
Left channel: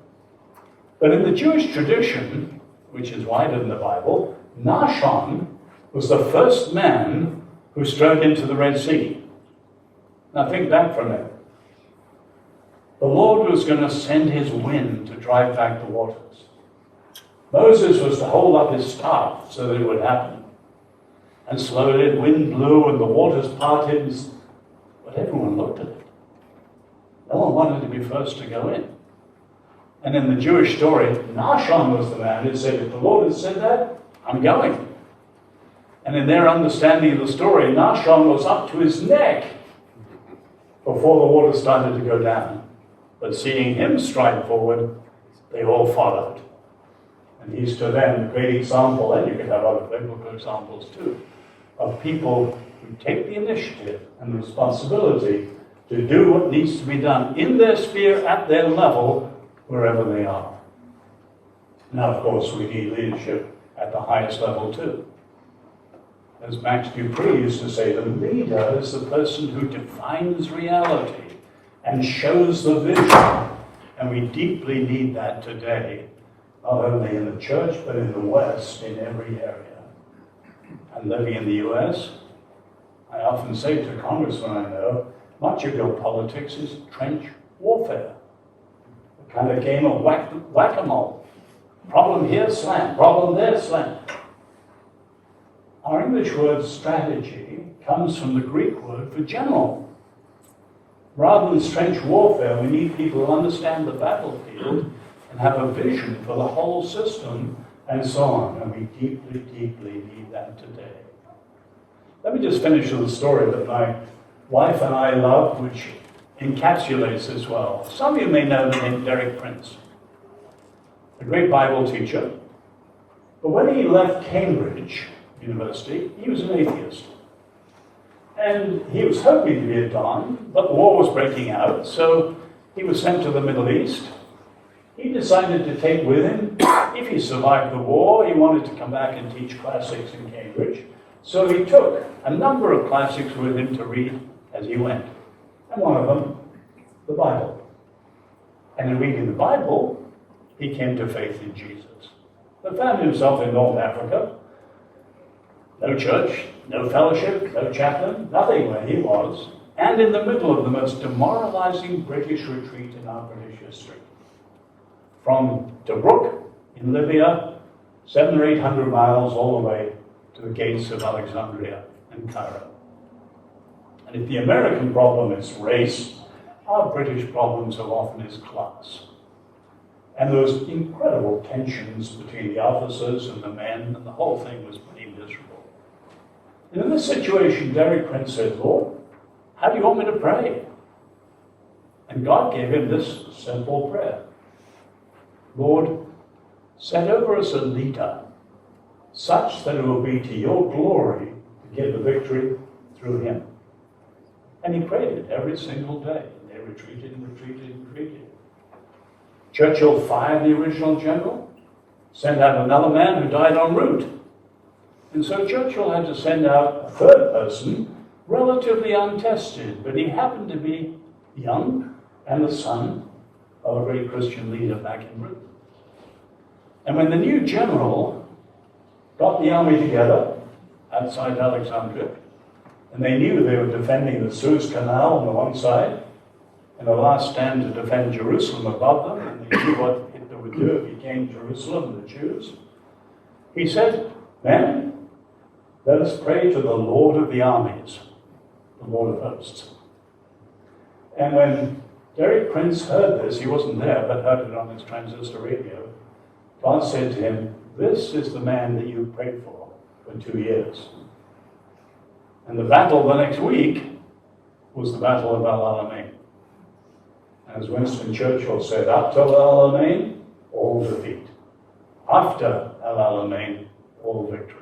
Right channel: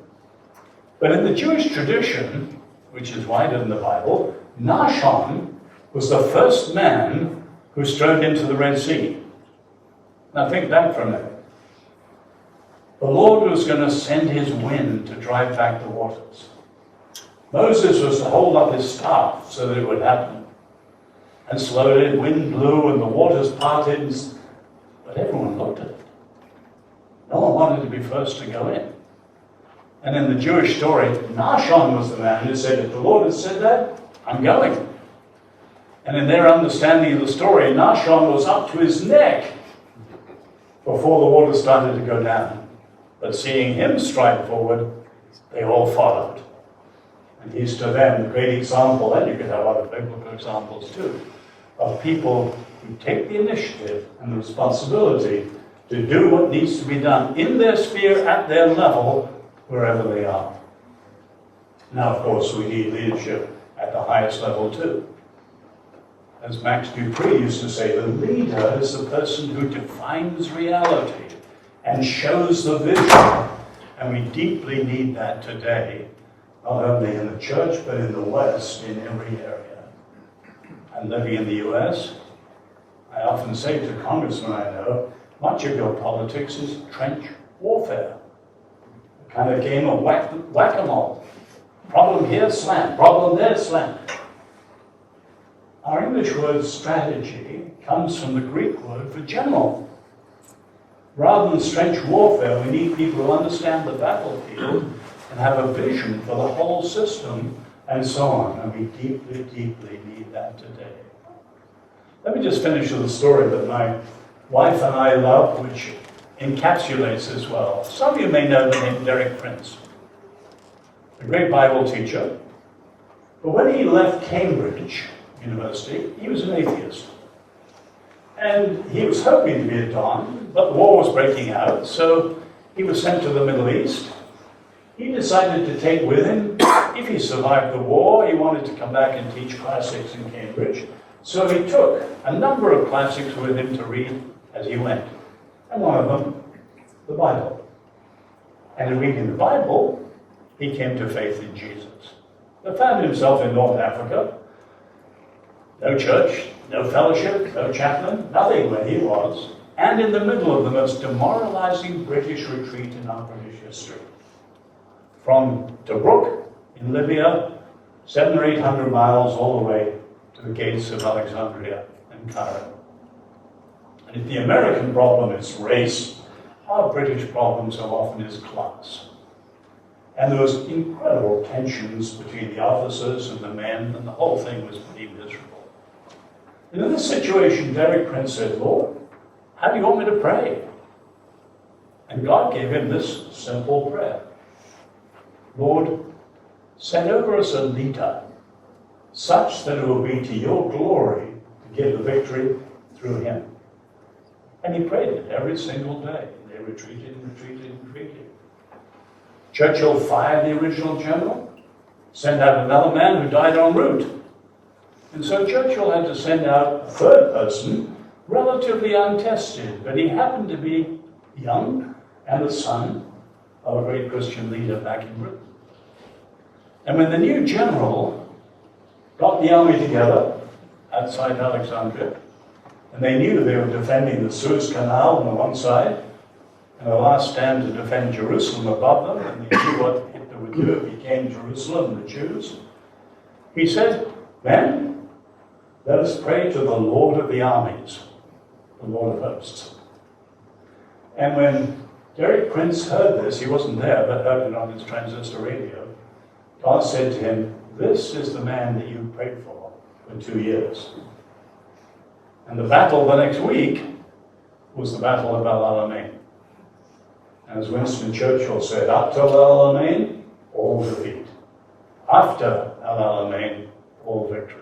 But in the Jewish tradition, which is wider than the Bible, Nahshon was the first man who strode into the Red Sea. Now think back for a minute. The Lord was going to send his wind to drive back the waters. Moses was to hold up his staff so that it would happen. And slowly the wind blew and the waters parted, but everyone looked at it. No one wanted to be first to go in. And in the Jewish story, Nahshon was the man who said, if the Lord has said that, I'm going. And in their understanding of the story, Nahshon was up to his neck before the water started to go down. But seeing him stride forward, they all followed. And he's to them a great example, and you could have other biblical examples too, of people who take the initiative and the responsibility to do what needs to be done in their sphere, at their level, wherever they are. Now, of course, we need leadership at the highest level too. As Max Dupree used to say, the leader is the person who defines reality and shows the vision. And we deeply need that today, not only in the church, but in the West, in every area. And living in the US, I often say to congressmen I know, much of your politics is trench warfare. A kind of game of whack-a-mole. Problem here, slam. Problem there, slam. Our English word strategy comes from the Greek word for general. Rather than trench warfare, we need people who understand the battlefield and have a vision for the whole system and so on. And we deeply, deeply need that today. Let me just finish with a story that my wife and I love, which encapsulates this well. Some of you may know the name Derek Prince, a great Bible teacher. But when he left Cambridge University, he was an atheist. And he was hoping to be a Don, but the war was breaking out, so he was sent to the Middle East. He decided to take with him, if he survived the war, he wanted to come back and teach classics in Cambridge. So he took a number of classics with him to read as he went. And one of them, the Bible. And in reading the Bible, he came to faith in Jesus. But found himself in North Africa. No church, no fellowship, no chaplain, nothing where he was. And in the middle of the most demoralizing British retreat in our British history. From Tobruk in Libya, 700 or 800 miles all the way to the gates of Alexandria and Cairo. And if the American problem is race, our British problem so often is class. And there was incredible tensions between the officers and the men, and the whole thing was pretty miserable. And in this situation, Derek Prince said, Lord, how do you want me to pray? And God gave him this simple prayer. Lord, set over us a leader, such that it will be to your glory to give the victory through him. And he prayed it every single day. They retreated and retreated and retreated. Churchill fired the original general, sent out another man who died en route. And so Churchill had to send out a third person, relatively untested, but he happened to be young and the son of a great Christian leader back in Britain. And when the new general got the army together outside Alexandria, and they knew they were defending the Suez Canal on the one side, and a last stand to defend Jerusalem above them, and they knew what Hitler would do if he came to Jerusalem and the Jews, he said, men, let us pray to the Lord of the armies, the Lord of hosts. And when Derek Prince heard this, he wasn't there, but heard it on his transistor radio, God said to him, this is the man that you prayed for 2 years. And the battle the next week was the Battle of El Alamein. As Winston Churchill said, up till El Alamein, all defeat. After El Alamein, all victory.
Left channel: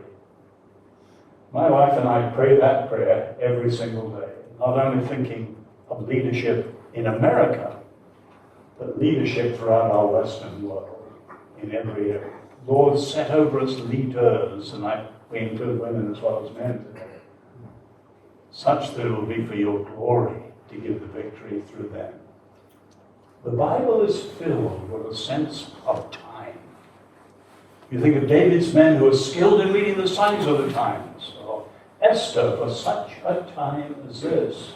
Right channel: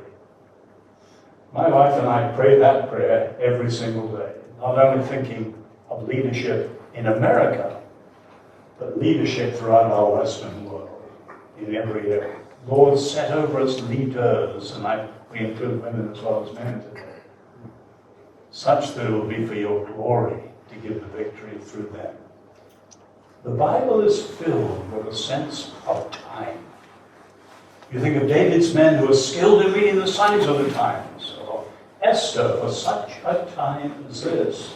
My wife and I pray that prayer every single day, not only thinking of leadership in America, but leadership throughout our Western world, in every area. Lord, set over us leaders, and we include women as well as men today, such that it will be for your glory to give the victory through them. The Bible is filled with a sense of time. You think of David's men who are skilled in reading the signs of the times, or Esther for such a time as this,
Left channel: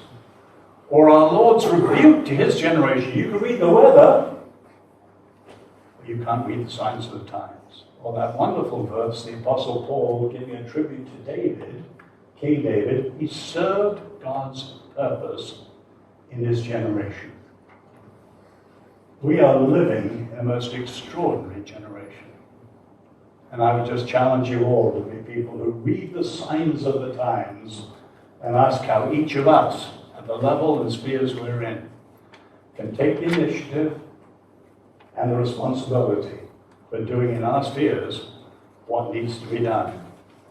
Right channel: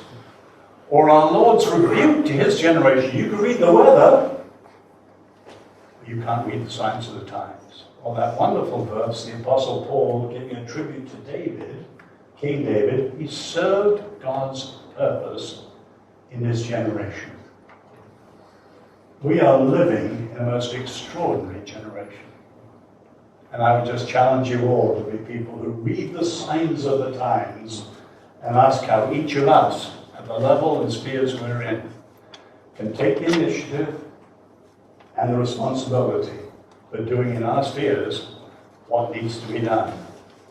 or our Lord's rebuke to his generation. You can read the weather, but you can't read the signs of the times. Or that wonderful verse, the Apostle Paul giving a tribute to David, King David. He served God's purpose in his generation. we are living in a most extraordinary generation. And I would just challenge you all to be people who read the signs of the times and ask how each of us, at the level and spheres we're in, can take the initiative and the responsibility for doing in our spheres what needs to be done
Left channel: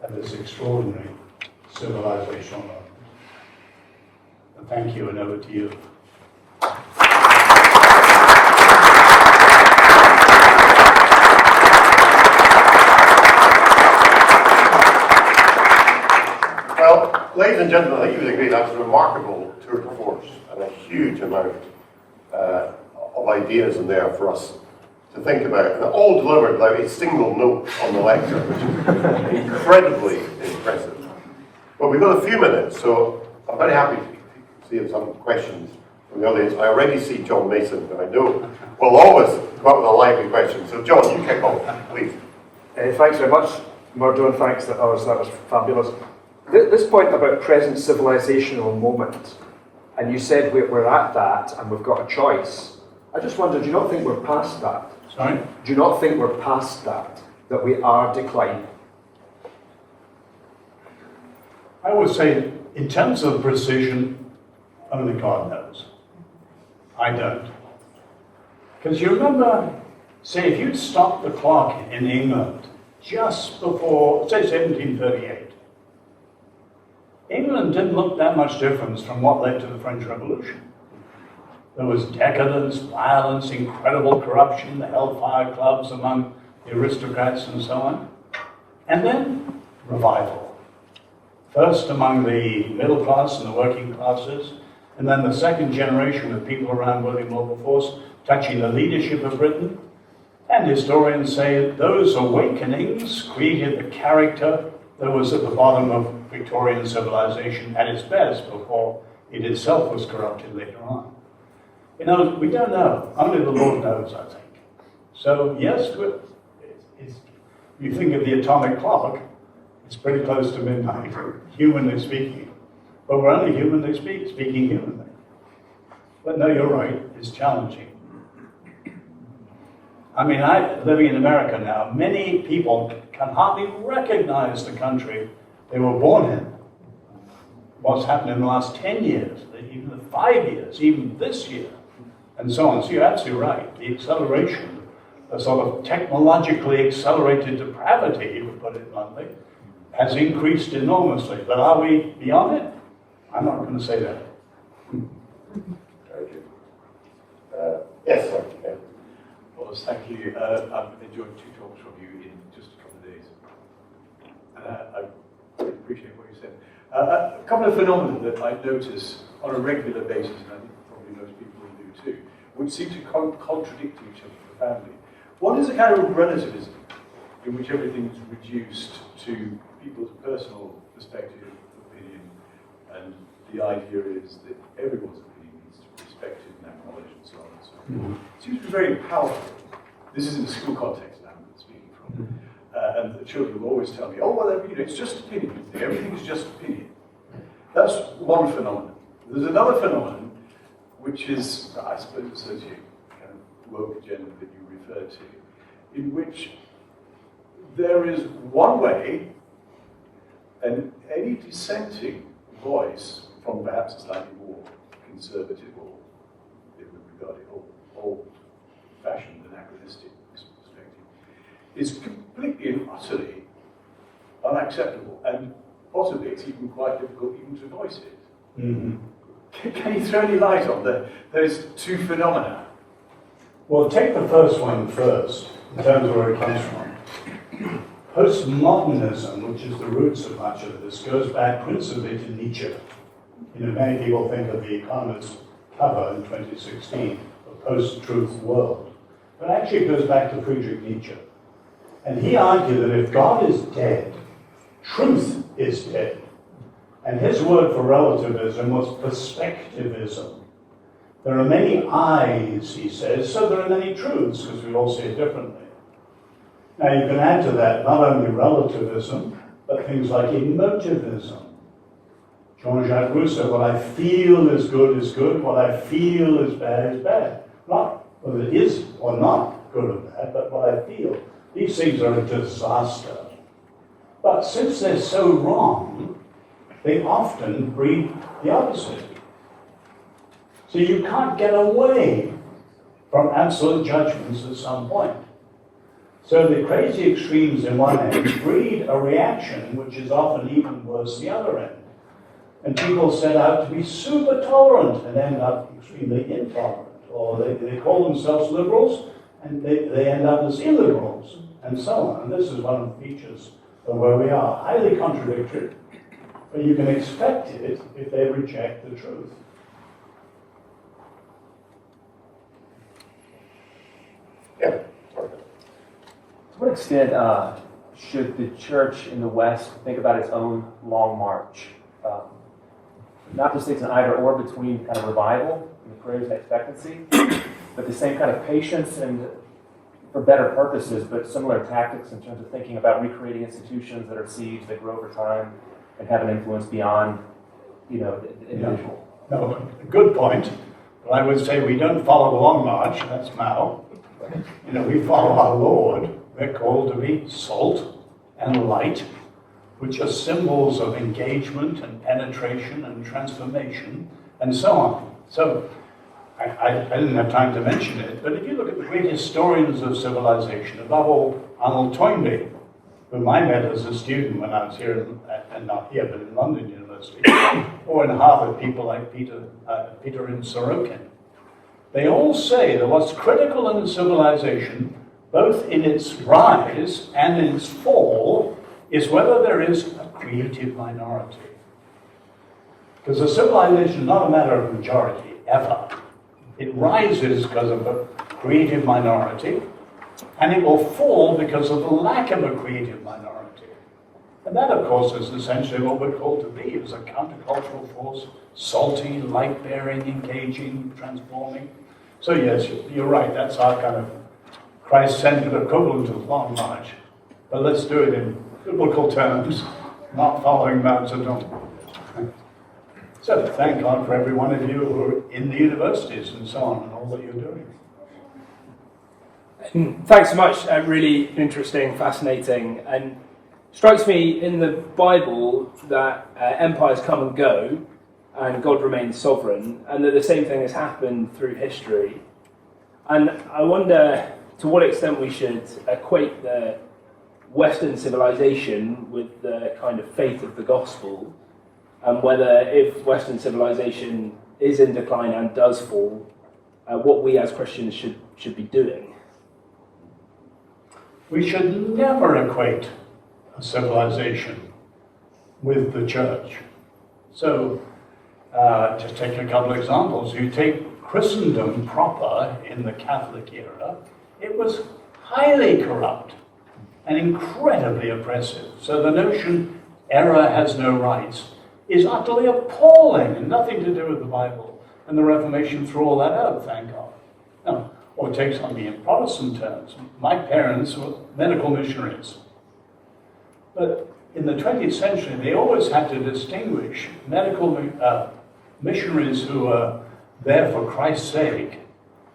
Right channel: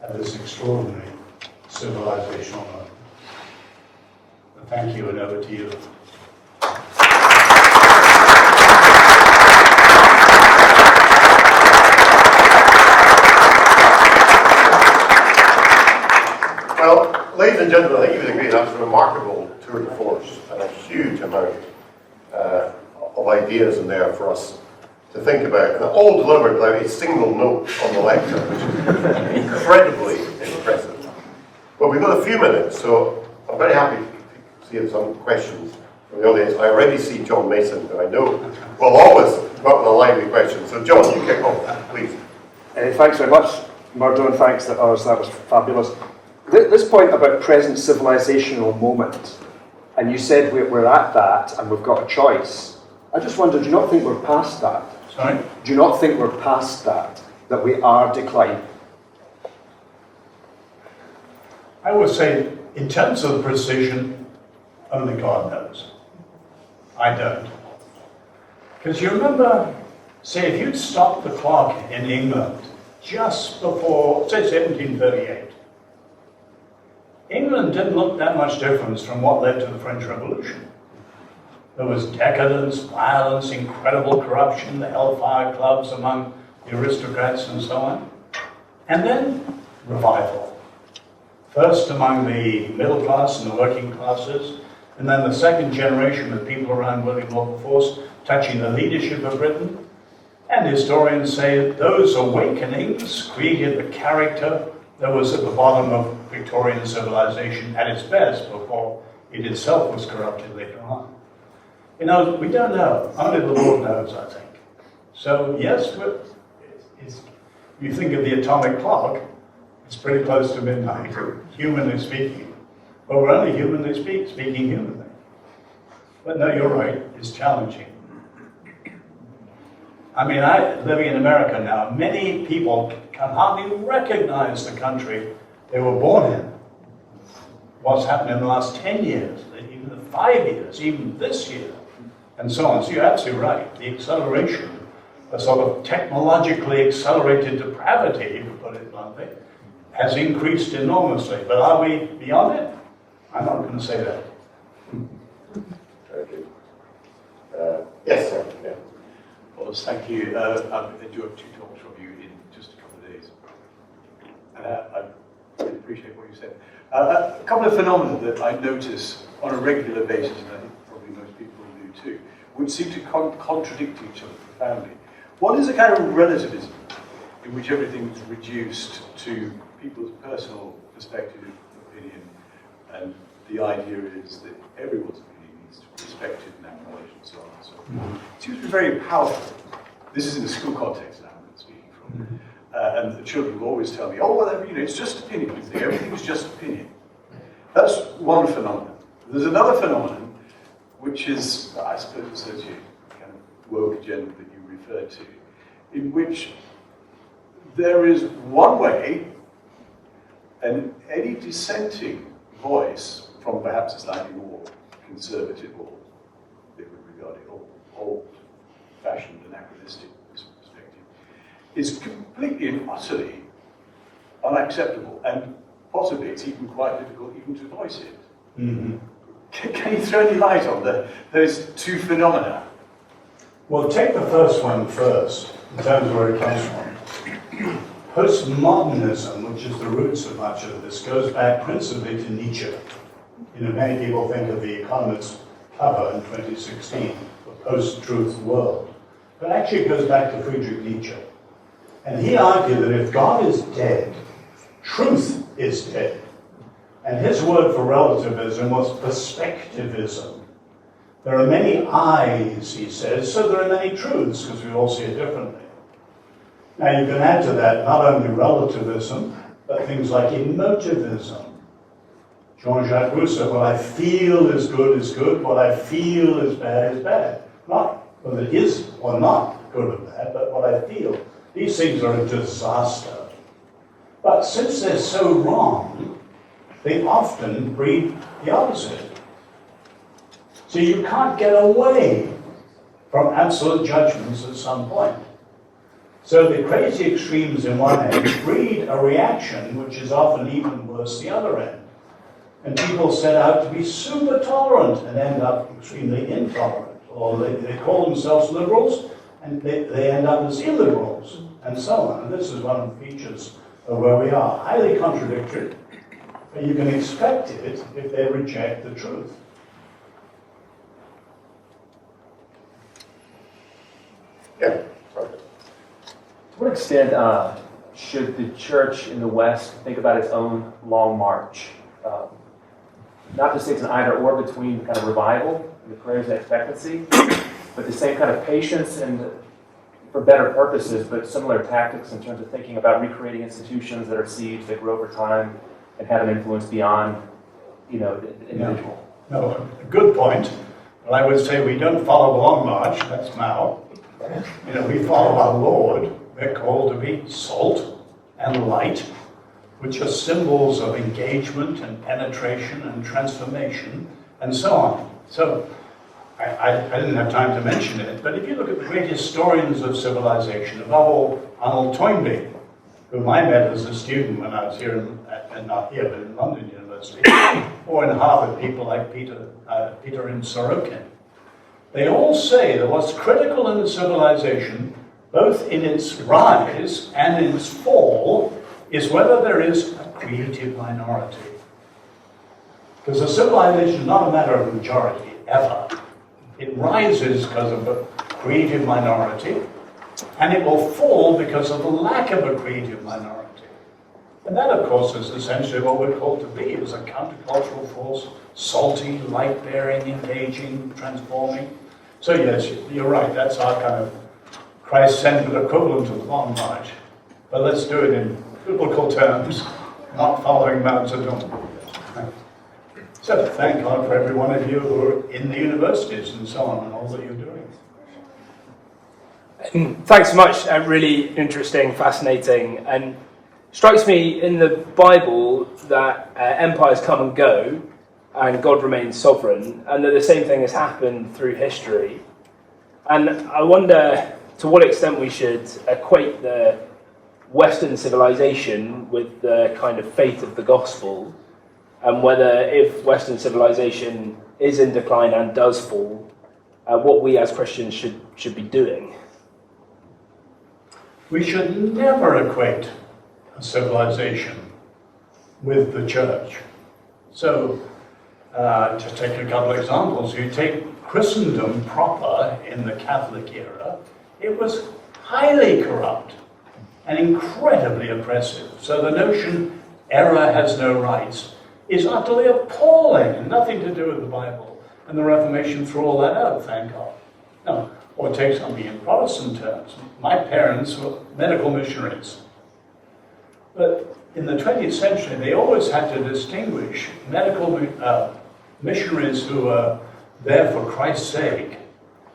at this extraordinary civilizational moment. And thank you, and over to you. Well, ladies and gentlemen, I think you would agree that was a remarkable tour de force and a huge amount of ideas in there for us to think about, and all delivered without a single note on the lecture, which is incredibly impressive. But we've got a few minutes, so I'm very happy to see some questions from the audience. I already see John Mason, who I know will always come up with a lively question. So John, you kick off, please. Thanks very much, Murdo, and thanks to others. That was fabulous. This point about present civilisational moment, and you said we're at that and we've got a choice. I just wonder, do you not think we're past that? Sorry? Do you not think we're past that we are declining? I would say, in terms of precision, only God knows. I don't. Because you remember, say, if you'd stopped the clock in England just before, say, 1738, England didn't look that much different from what led to the French Revolution. There was decadence, violence, incredible corruption, the hellfire clubs among the aristocrats and so on. And then revival. First among the middle class and the working classes, and then the second generation of people around William Wilberforce touching the leadership of Britain. And historians say those awakenings created the character that was at the bottom of Victorian civilization at its best before it itself was corrupted later on. You know, we don't know. Only the Lord knows, I think. So, yes, you think of the atomic clock, it's pretty close to midnight, humanly speaking. But we're only humanly speaking humanly. But no, you're right, it's challenging. I mean, living in America now, many people can hardly recognize the country they were born in. What's happened in the last 10 years, even 5 years, even this year, and so on. So you're absolutely right. The acceleration, the sort of technologically accelerated depravity, to put it bluntly, has increased enormously. But are we beyond it? I'm not going to say that. Thank you. Yes, sir. Yeah. Well, thank you. I've enjoyed 2 talks from you in just a couple of days. And I really appreciate what you said. A couple of phenomena that I notice on a regular basis, and I think probably most people do too, which seem to contradict each other profoundly. One is a kind of relativism, in which everything is reduced to people's personal perspective of opinion, and the idea is that everyone's opinion needs to be respected and acknowledged and so on and so forth. It seems to be very powerful. This is in a school context that I'm speaking from. And the children will always tell me, oh, well, it's just opinion. Everything's just opinion. That's one phenomenon. There's another phenomenon, which is, I suppose, associated with the kind of woke agenda that you referred to, in which there is one way, and any dissenting voice from perhaps a slightly more conservative or they would regard it old-fashioned, anachronistic perspective, is completely and utterly unacceptable, and possibly it's even quite difficult even to voice it. Mm-hmm. Can you throw any light on those 2 phenomena? Well, take the first one first, in terms of where it comes from. Postmodernism, which is the roots of much of this, goes back principally to Nietzsche. You know, many people think of the Economist cover in 2016, the post-truth world. But actually it goes back to Friedrich Nietzsche. And he argued that if God is dead, truth is dead. And his word for relativism was perspectivism. There are many I's, he says, so there are many truths, because we all see it differently. Now you can add to that not only relativism, but things like emotivism. Jean-Jacques Rousseau, what I feel is good, what I feel is bad, is bad. Not whether it is or not good or bad, but what I feel, these things are a disaster. But since they're so wrong, they often breed the opposite. So you can't get away from absolute judgments at some point. So the crazy extremes in one end breed a reaction which is often even worse the other end. And people set out to be super tolerant and end up extremely intolerant. Or they call themselves liberals and they end up as illiberals and so on. And this is one of the features of where we are. Highly contradictory, but you can expect it if they reject the truth. Yeah, sorry. To what extent should the church in the West think about its own long march? Not to say it's an either or between kind of revival and the prayers and expectancy, but the same kind of patience and for better purposes, but similar tactics in terms of thinking about recreating institutions that are seeds that grow over time and have an influence beyond, the individual. Yeah. No, a good point. But I would say we don't follow the long march. That's Mao. We follow our Lord. We're called to be salt and light, which are symbols of engagement and penetration and transformation and so on. So I didn't have time to mention it, but if you look at the great historians of civilization, above all Arnold Toynbee, whom I met as a student when I was here, and not here, but in London University, or in Harvard, people like Peter and Sorokin, they all say that what's critical in civilization, both in its rise and in its fall, is whether there is a creative minority. Because a civilization is not a matter of majority, ever. It rises because of a creative minority, and it will fall because of the lack of a creative minority. And that, of course, is essentially what we're called to be, is a countercultural force, salty, light-bearing, engaging, transforming. So yes, you're right, that's our kind of Christ-centered equivalent of the long march. But let's do it in biblical terms, not following Mao Zedong. So thank God for every one of you who are in the universities and so on, and all that you're doing. Thanks so much. Really interesting, fascinating, and strikes me in the Bible that empires come and go, and God remains sovereign, and that the same thing has happened through history. And I wonder to what extent we should equate the Western civilization with the kind of faith of the gospel, and whether if Western civilization is in decline and does fall, what we as Christians should be doing. We should never equate a civilization with the church. So, just take a couple of examples. You take Christendom proper in the Catholic era, it was highly corrupt and incredibly oppressive. So the notion error has no rights is utterly appalling and nothing to do with the Bible. And the Reformation threw all that out, thank God. No, or take something in Protestant terms. My parents were medical missionaries. But in the 20th century, they always had to distinguish medical missionaries who were there for Christ's sake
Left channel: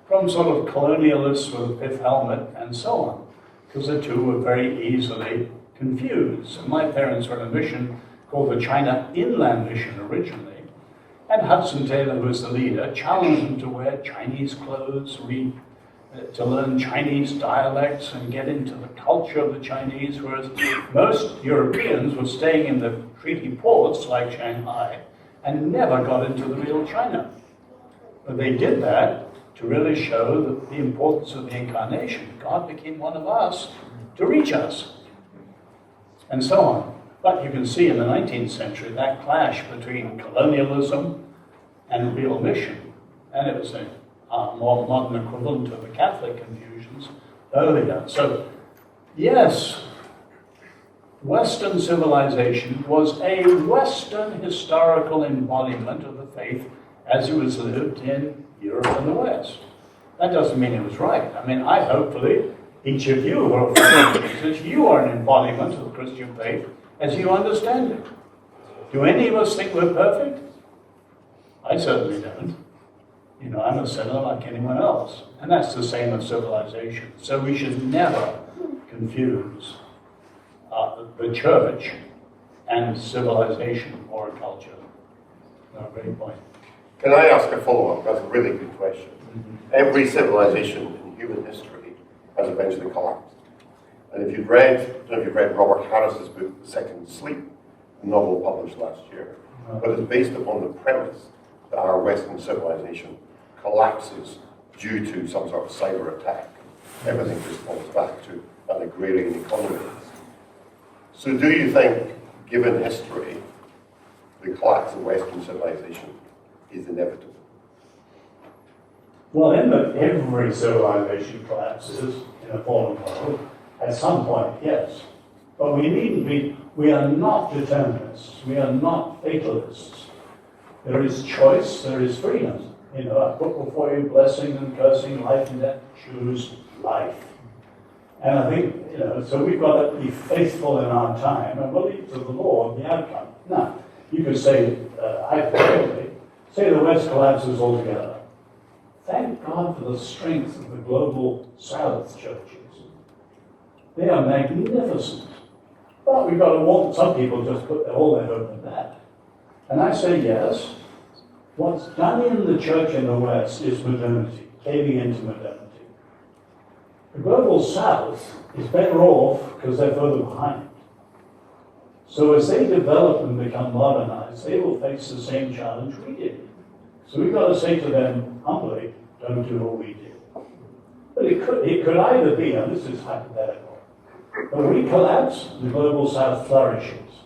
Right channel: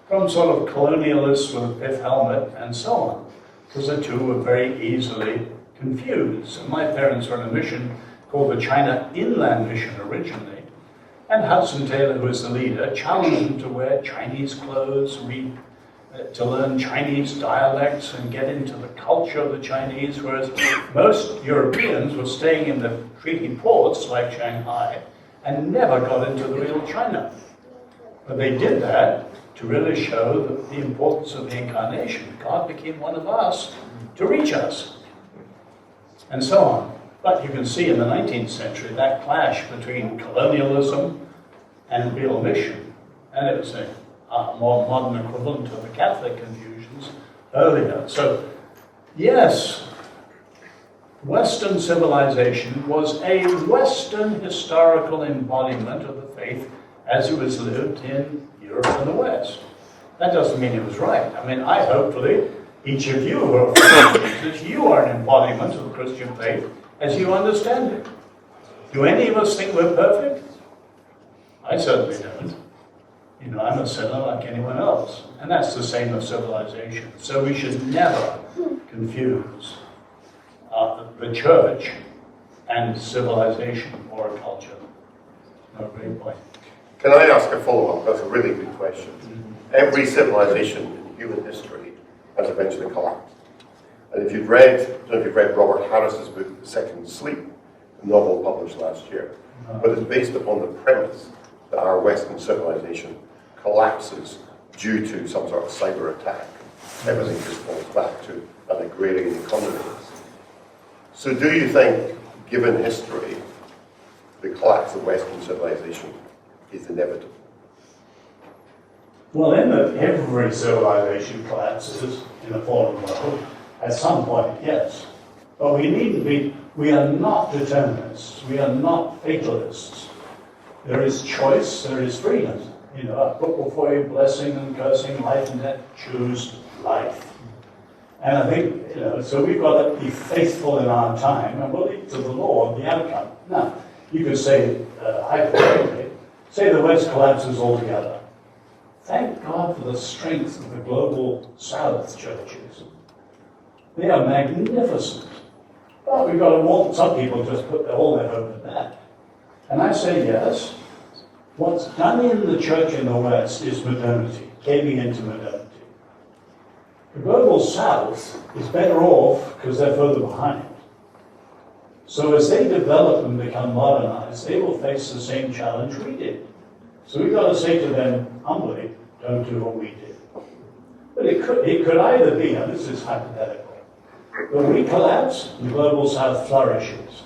from sort of colonialists with a pith helmet and so on, because the two were very easily confused. And my parents were in a mission called the China Inland Mission originally, and Hudson Taylor, who was the leader, challenged them to wear Chinese clothes, to learn Chinese dialects and get into the culture of the Chinese, whereas most Europeans were staying in the treaty ports like Shanghai and never got into the real China. But they did that to really show the importance of the incarnation. God became one of us to reach us, and so on. But you can see in the 19th century that clash between colonialism and real mission, and it was a more modern equivalent of the Catholic confusions earlier. So, yes, Western civilization was a Western historical embodiment of the faith as it was lived in Europe and the West. That doesn't mean it was right. I mean, hopefully, each of you who are following Jesus, you are an embodiment of the Christian faith as you understand it. Do any of us think we're perfect? I certainly don't. You know, I'm a sinner like anyone else. And that's the same as civilization. So we should never confuse the church and civilization or culture. No, great point. Can I ask a follow-up? That's a really good question. Every civilization in human history has eventually collapsed. And if you've read, I don't know if you've read Robert Harris's book, The Second Sleep, a novel published last year, but it's based upon the premise that our Western civilization collapses due to some sort of cyber attack. Everything just falls back to an agrarian economy. So do you think, given history, the collapse of Western civilization is inevitable? Well, every civilization collapses in a fallen world at some point, yes. But we needn't be, we are not determinists, we are not fatalists. There is choice, there is freedom. You know, I put before you blessing and cursing, life and death, choose life. And I think, you know, so we've got to be faithful in our time and believe to the Lord the outcome. Now, you could say, hypothetically, say the West collapses altogether. Thank God for the strength of the global South churches. They are magnificent. But we've got to want, some people just put all their hope in that. And I say yes. What's done in the church in the West is modernity, caving into modernity. The global South is better off because they're further behind. So as they develop and become modernized, they will face the same challenge we did. So we've got to say to them humbly, don't do what we did. But it could either be, and this is hypothetical, that we collapse and the global South flourishes.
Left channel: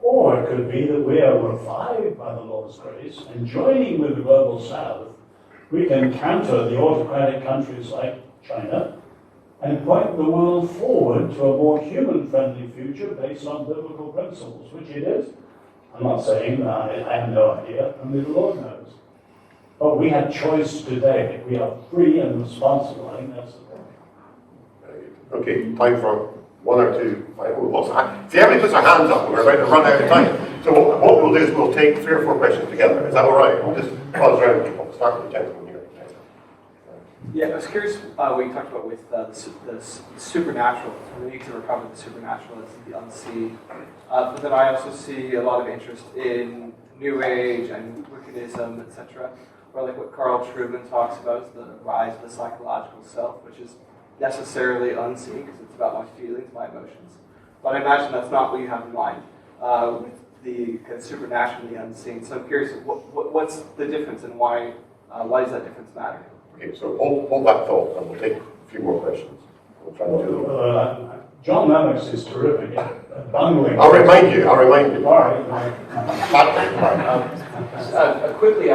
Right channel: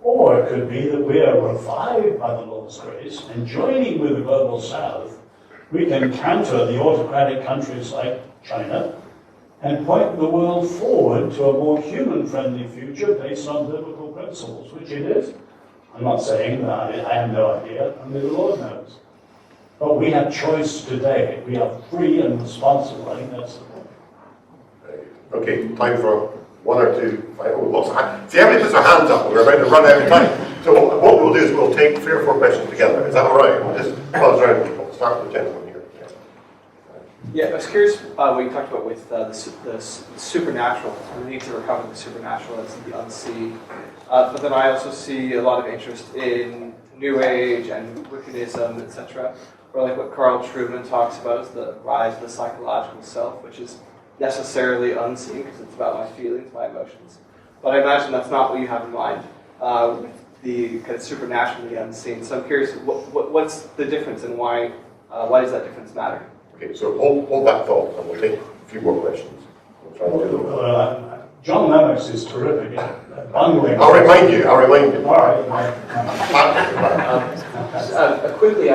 Or it could be that we are revived by the Lord's grace, and joining with the global South, we can counter the autocratic countries like China and point the world forward to a more human-friendly future based on biblical principles, which it is. I'm not saying that I have no idea, only the Lord knows. But we have choice today. We are free and responsible. I think that's the point. Okay, time for one or two final lots. See, everybody puts their hands up and we're about to run out of time. So what we'll do is we'll take 3 or 4 questions together. Is that all right? We'll just buzz around people. We'll start with the gentleman here. Yeah, I was curious what you talked about with the supernatural. We need to recover the supernatural, that's the unseen. But then I also see a lot of interest in New Age and Wiccanism, etc. Or like what Carl Trueman talks about is the rise of the psychological self, which is necessarily unseen because it's about my feelings, my emotions. But I imagine that's not what you have in mind with the kind of supernaturally unseen. So I'm curious, what's the difference and why does that difference matter? Okay, so hold that thought and we'll take a few more questions. We'll try and do them. John Lennox is terrific at bungling. I'll remind you. All right. Quickly,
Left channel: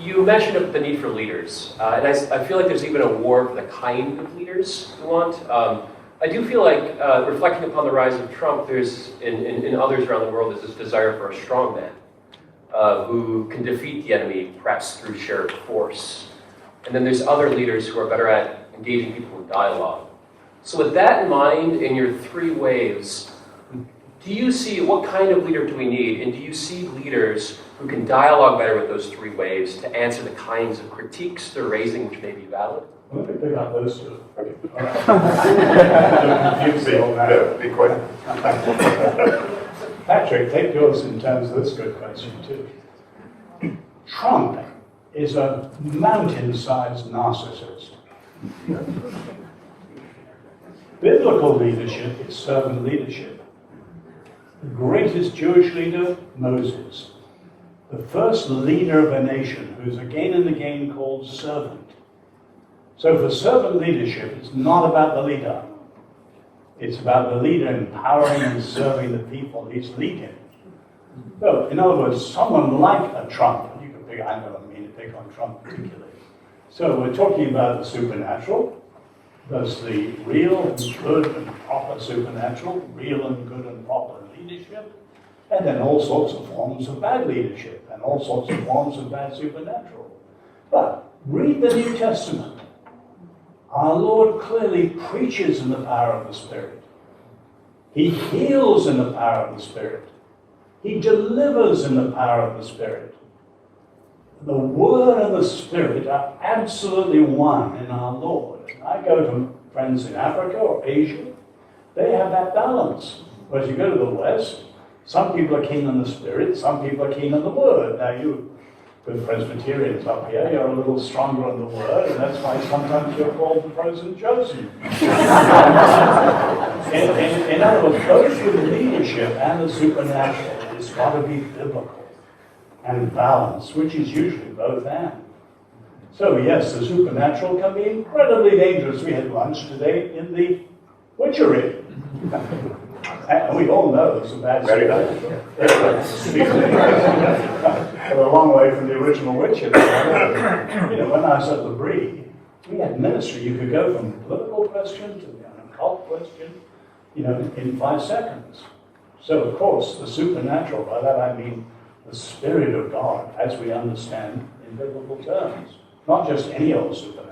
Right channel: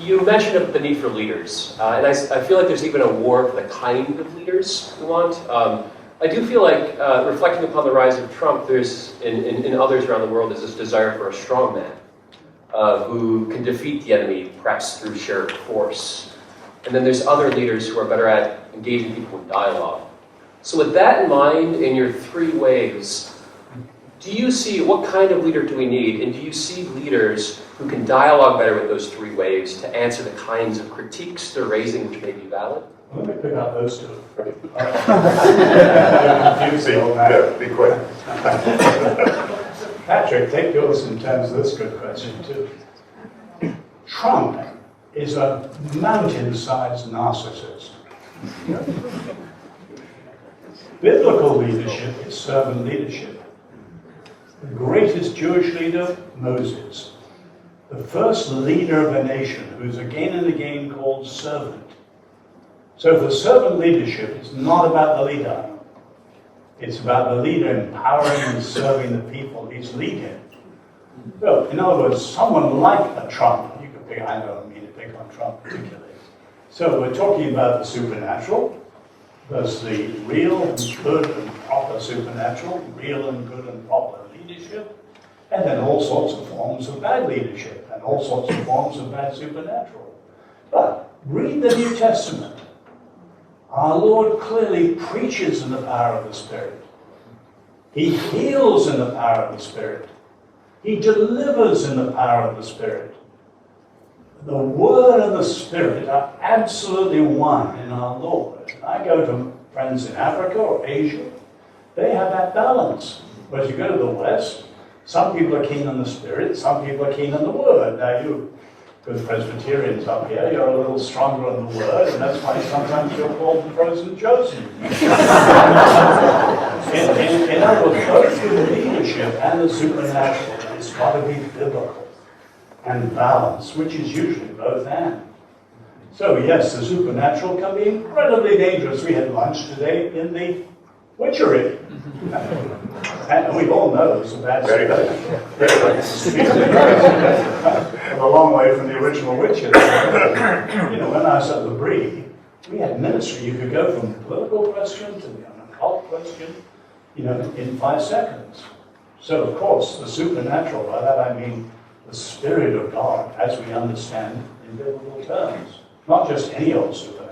you mentioned the need for leaders, and I feel like there's even a war for the kind of leaders we want. I do feel like, reflecting upon the rise of Trump, there's, in others around the world, there's this desire for a strong man who can defeat the enemy, perhaps through sheer force. And then there's other leaders who are better at engaging people in dialogue. So with that in mind, in your 3 waves, do you see, what kind of leader do we need? And do you see leaders who can dialogue better with those 3 waves to answer the kinds of critiques they're raising which may be valid? Let me pick up those 2. Okay. Be quick. Patrick, take yours in terms of this good question too. Trump is a mountain-sized narcissist. Biblical leadership is servant leadership. The greatest Jewish leader, Moses. The first leader of a nation who's again and again called servant. So the servant leadership is not about the leader. It's about the leader empowering and serving the people he's leading. So, in other words, someone like a Trump, you could pick, I don't mean to pick on Trump particularly. So we're talking about the supernatural. There's the real and good and proper supernatural, real and good and proper leadership, and then all sorts of forms of bad leadership and all sorts of forms of bad supernatural. But read the New Testament. Our Lord clearly preaches in the power of the Spirit. He heals in the power of the Spirit. He delivers in the power of the Spirit. the Word and the Spirit are absolutely one in our Lord. I go to friends in Africa or Asia, they have that balance. Whereas you go to the West, some people are keen on the Spirit, some people are keen on the Word. Now you good Presbyterians up here, you're a little stronger on the Word, and that's why sometimes you're called the frozen chosen. in other words, both the leadership and the supernatural, it's got to be biblical and balanced, which is usually both and. So yes, the supernatural can be incredibly dangerous. We had lunch today in the witchery. And we all know it's a bad Very nice. Very nice. We're a long way from the original witchery. You know, when I was at the Brie, we had ministry. You could go from political question to the occult question, you know, in 5 seconds. So of course, the supernatural, by that I mean the Spirit of God, as we understand in biblical terms. Not just any old supernatural.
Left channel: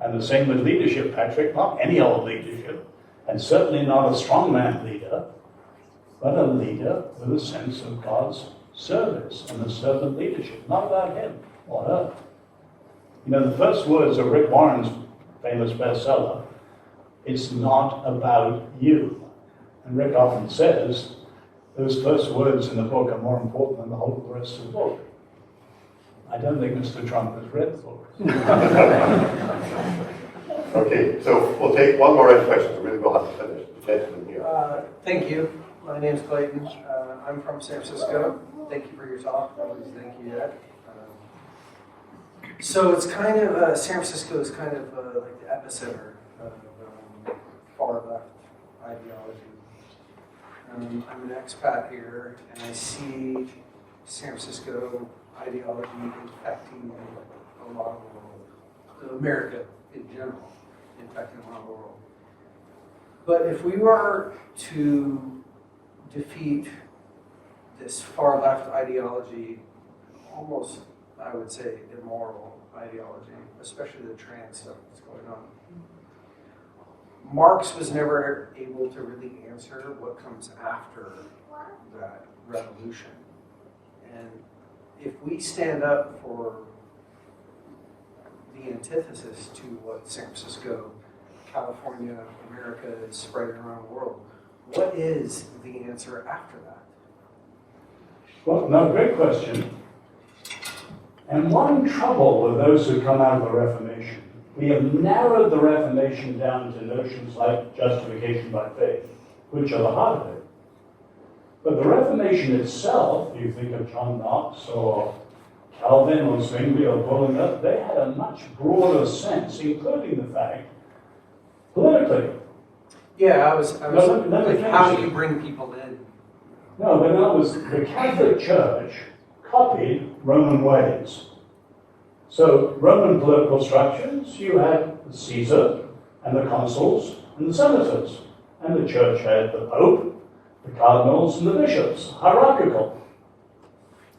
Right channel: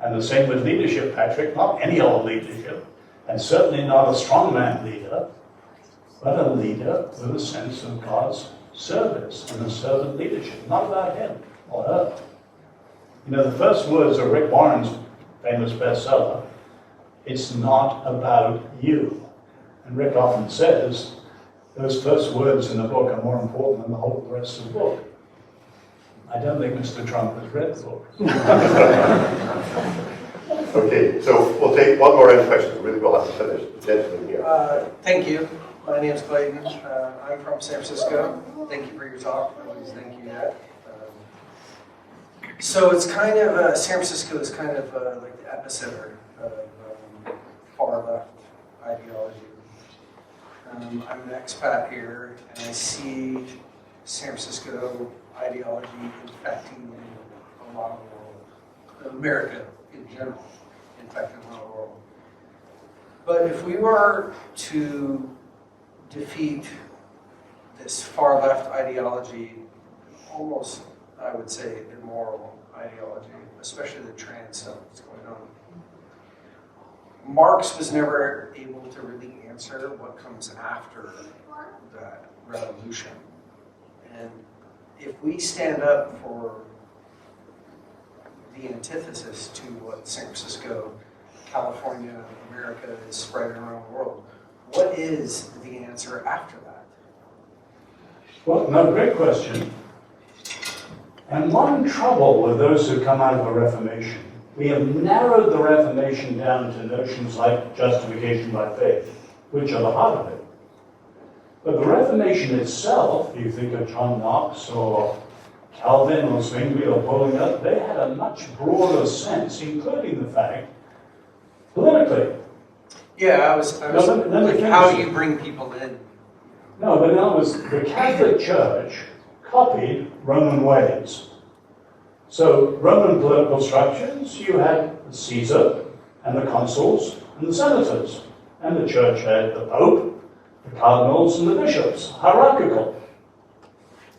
And the same with leadership, Patrick, not any old leadership, and certainly not a strongman leader, but a leader with a sense of God's service and a servant leadership, not about him or her. You know, the first words of Rick Warren's famous bestseller, it's not about you. And Rick often says, those first words in the book are more important than the whole rest of the book. I don't think Mr. Trump has read the book. Okay, so we'll take one more round of questions, and really we'll have to finish. The gentleman here. Thank you. My name's Clayton. I'm from San Francisco. Thank you for your talk. Always thank you, Jack. So it's kind of, San Francisco is kind of like the epicenter of far left ideology. I'm an expat here, and I see San Francisco ideology infecting a lot of the world, America in general, infecting a lot of the world. But if we were to defeat this far left ideology, almost, I would say, immoral ideology, especially the trans stuff that's going on, Marx was never able to really answer what comes after that revolution. And if we stand up for the antithesis to what San Francisco, California, America is spreading around the world, what is the answer after that? Well, no, great question. And one trouble with those who come out of the Reformation, we have narrowed the Reformation down to notions like justification by faith, which are the heart of it. But the Reformation itself, if you think of John Knox or Calvin or Zwingli or Bullinger, they had a much broader sense, including the fact, politically. Yeah, I was like, how do you bring people in? No, but that was the Catholic Church copied Roman ways. So Roman political structures, you had Caesar and the consuls and the senators, and the church had the Pope, the cardinals, and the bishops, hierarchical.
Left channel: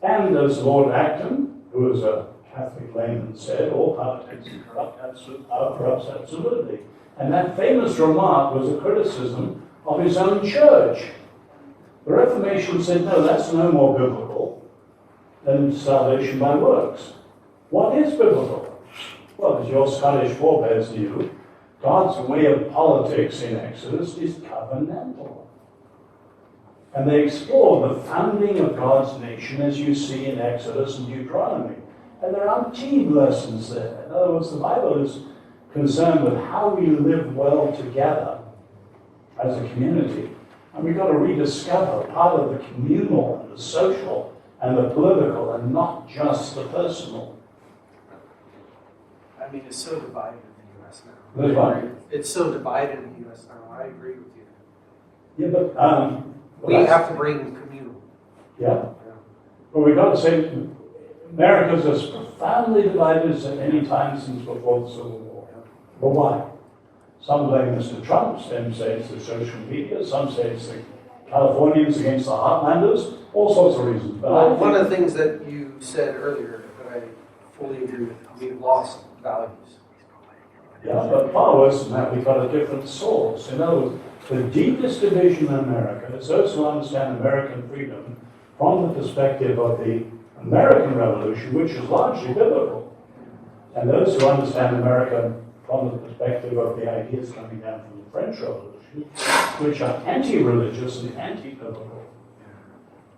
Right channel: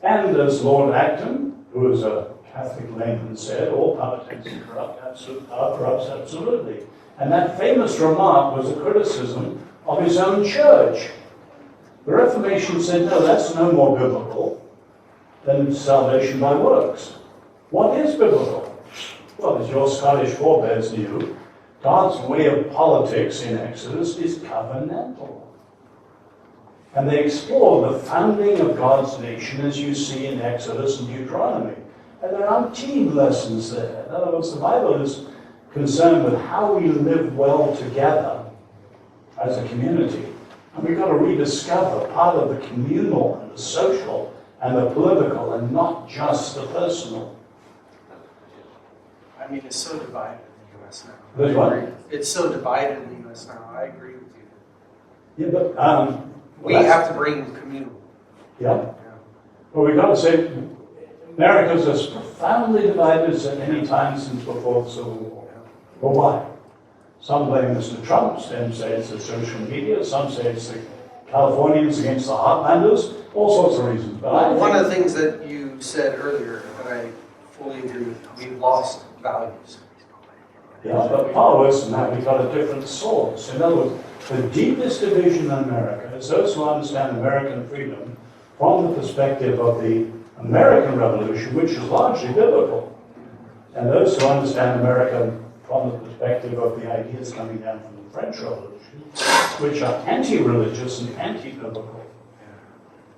And as Lord Acton, who was a Catholic layman, said, all power tends to corrupt, absolute power corrupts absolutely. And that famous remark was a criticism of his own church. The Reformation said, no, that's no more biblical than salvation by works. What is biblical? Well, as your Scottish forebears knew, God's way of politics in Exodus is covenantal. And they explore the founding of God's nation as you see in Exodus and Deuteronomy. And there are umpteen lessons there. In other words, the Bible is concerned with how we live well together as a community. And we've got to rediscover part of the communal and the social and the political and not just the personal. I mean, it's so divided in the U.S. now. There's one. It's so divided in the U.S. now. I agree with you. Yeah, but We have to bring communal. Yeah. Well, we've got to say, America's as profoundly divided as at any time since before the Civil War. Well, why? Some blame Mr. Trump, some say it's the social media, some say it's the Californians against the Heartlanders, all sorts of reasons. But Well, one of the things that you said earlier that I fully agree with, we've lost values. yeah, but far worse than that, we've got a different source. In other words, the deepest division in America is those who understand American freedom from the perspective of the American Revolution, which is largely biblical. And those who understand America from the perspective of the ideas coming down from the French Revolution, which are anti-religious and anti-biblical.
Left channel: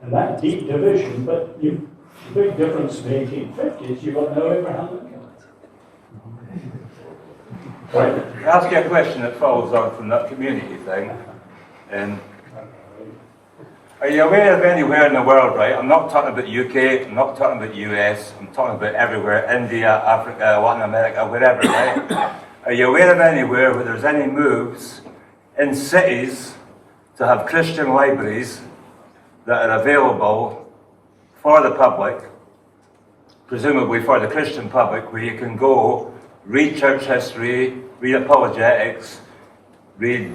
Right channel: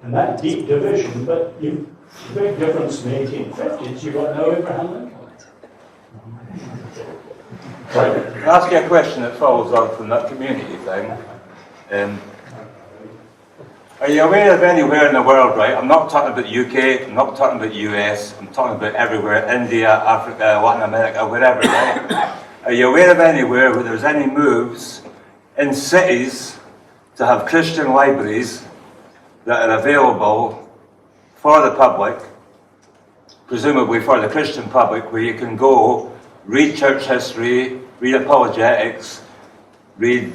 And that deep division, but the big difference in the 1850s, you've got no Abraham Lincoln. Right. Can I ask you a question that follows on from that community thing? Are you aware of anywhere in the world, right? I'm not talking about UK, I'm not talking about US, I'm talking about everywhere, India, Africa, Latin America, wherever, right? Are you aware of anywhere where there's any moves in cities to have Christian libraries that are available for the public, presumably for the Christian public, where you can go, read church history, read apologetics, read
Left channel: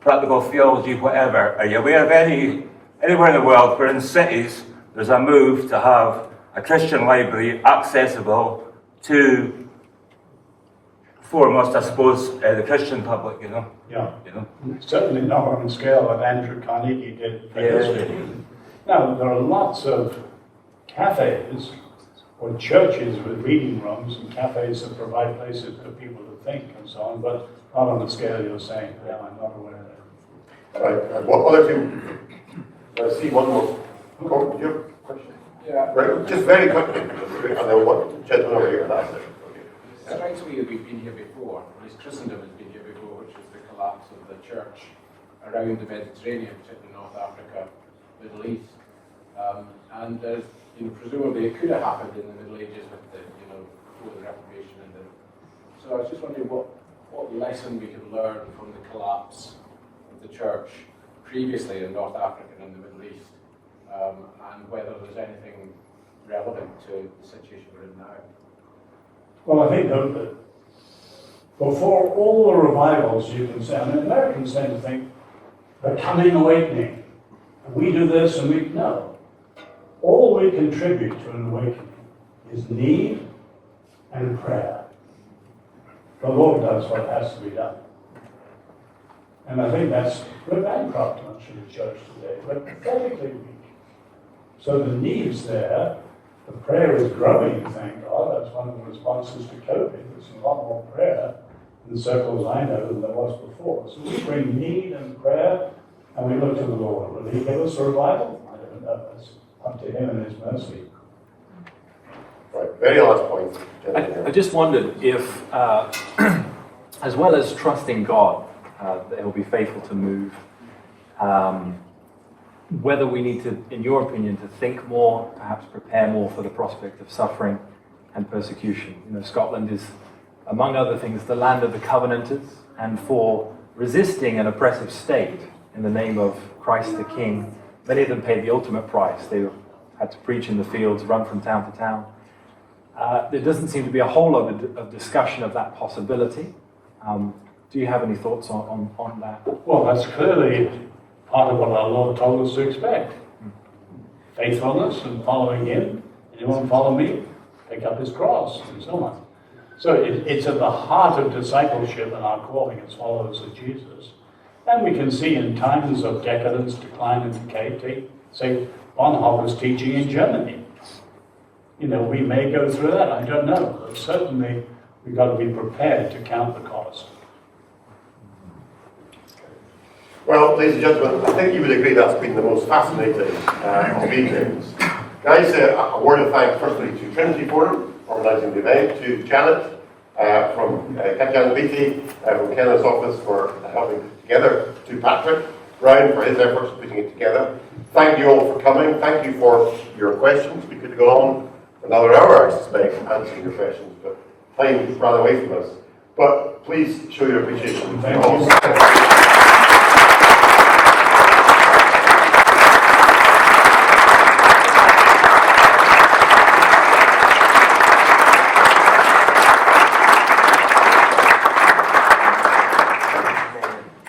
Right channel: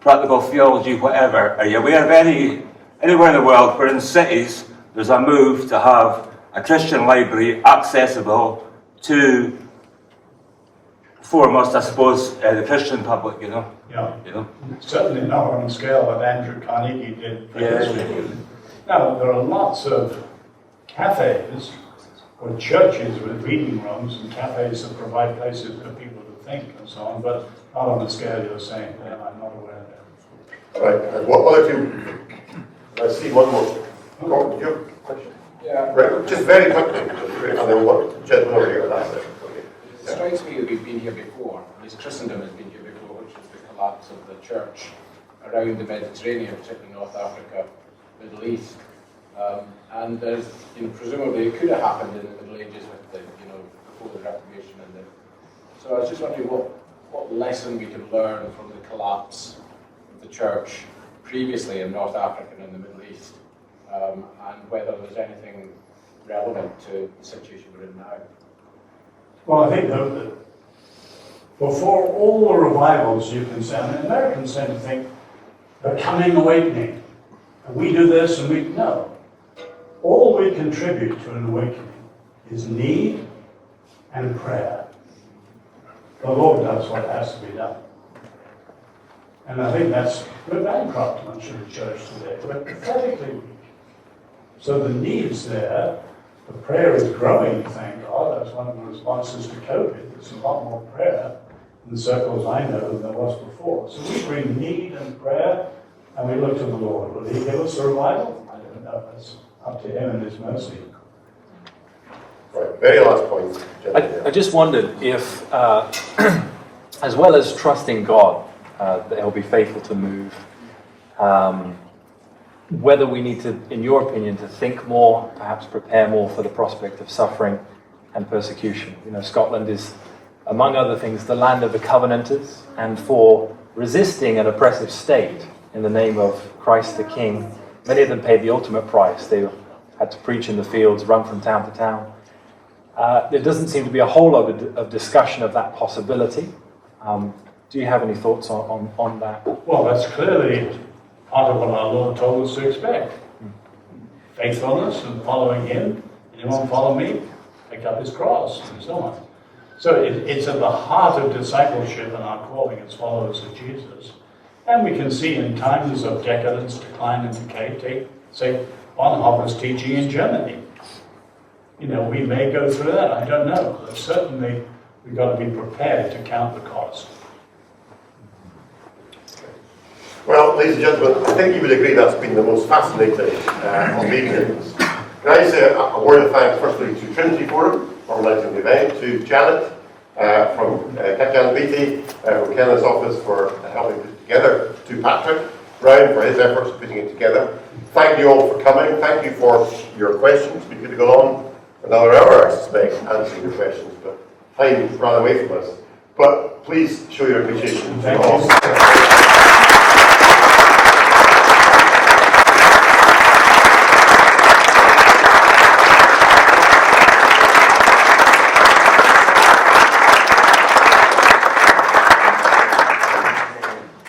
practical theology, whatever. Are you aware of anywhere in the world where in cities there's a move to have a Christian library accessible to, foremost, I suppose, the Christian public, you know? Yeah. You know? Certainly not on the scale that Andrew Carnegie did for history. Now, there are lots of cafes or churches with reading rooms and cafes that provide places for people to think and so on, but not on the scale you're saying. Yeah, I'm not aware of it. Right, and what other two? I see one more. Gordon, did you have a question? Yeah. Right, just very quickly, and then what, gentleman over here, that's it. Okay. It strikes me that we've been here before, at least Christendom has been here before, which is the collapse of the church around the Mediterranean, particularly North Africa, Middle East. And presumably it could have happened in the Middle Ages with before the Reformation. So I was just wondering what lesson we can learn from the collapse of the church previously in North Africa and in the Middle East, and whether there's anything relevant to the situation we're in now. Well, I think that before all the revivals you can say, I mean, Americans tend to think the coming awakening, and we do this and we, no. All we contribute to an awakening is need and prayer. The Lord does what has to be done. And I think we're bankrupt, much of the church today. We're pathetically weak. So the need's there. The prayer is growing, thank God. That's one of the responses to COVID. There's a lot more prayer in the circles I know than there was before. So we bring need and prayer, and we look to the Lord. Will He give us a revival? I don't know. That's up to Him and His mercy. Right, very last point, gentleman. I just wondered if, as well as trusting God, that He'll be faithful to move, whether we need to, in your opinion, to think more, perhaps prepare more for the prospect of suffering and persecution. You know, Scotland is, among other things, the land of the Covenanters, and for resisting an oppressive state in the name of Christ the King, many of them paid the ultimate price. They had to preach in the fields, run from town to town. There doesn't seem to be a whole lot of discussion of that possibility. Do you have any thoughts on that? Well, that's clearly part of what our Lord told us to expect. Faithfulness and following Him. Anyone follow me? Pick up his cross and so on. So it's at the heart of discipleship and our calling as followers of Jesus. And we can see in times of decadence, decline and decay, take, say, Bonhoeffer's teaching in Germany. You know, we may go through that, I don't know. But certainly we've got to be prepared to count the cost. Well, ladies and gentlemen, I think you would agree that's been the most fascinating of evenings. Can I say a word of thanks firstly to Trinity Forum, organising the event, to Janet from Katjan Beatty from Kenneth's office for helping put it together, to Patrick Brown for his efforts in putting it together. Thank you all for coming. Thank you for your questions. We could have gone on for another hour, I suspect, answering your questions, but time ran away from us. But please show your appreciation. Thank you.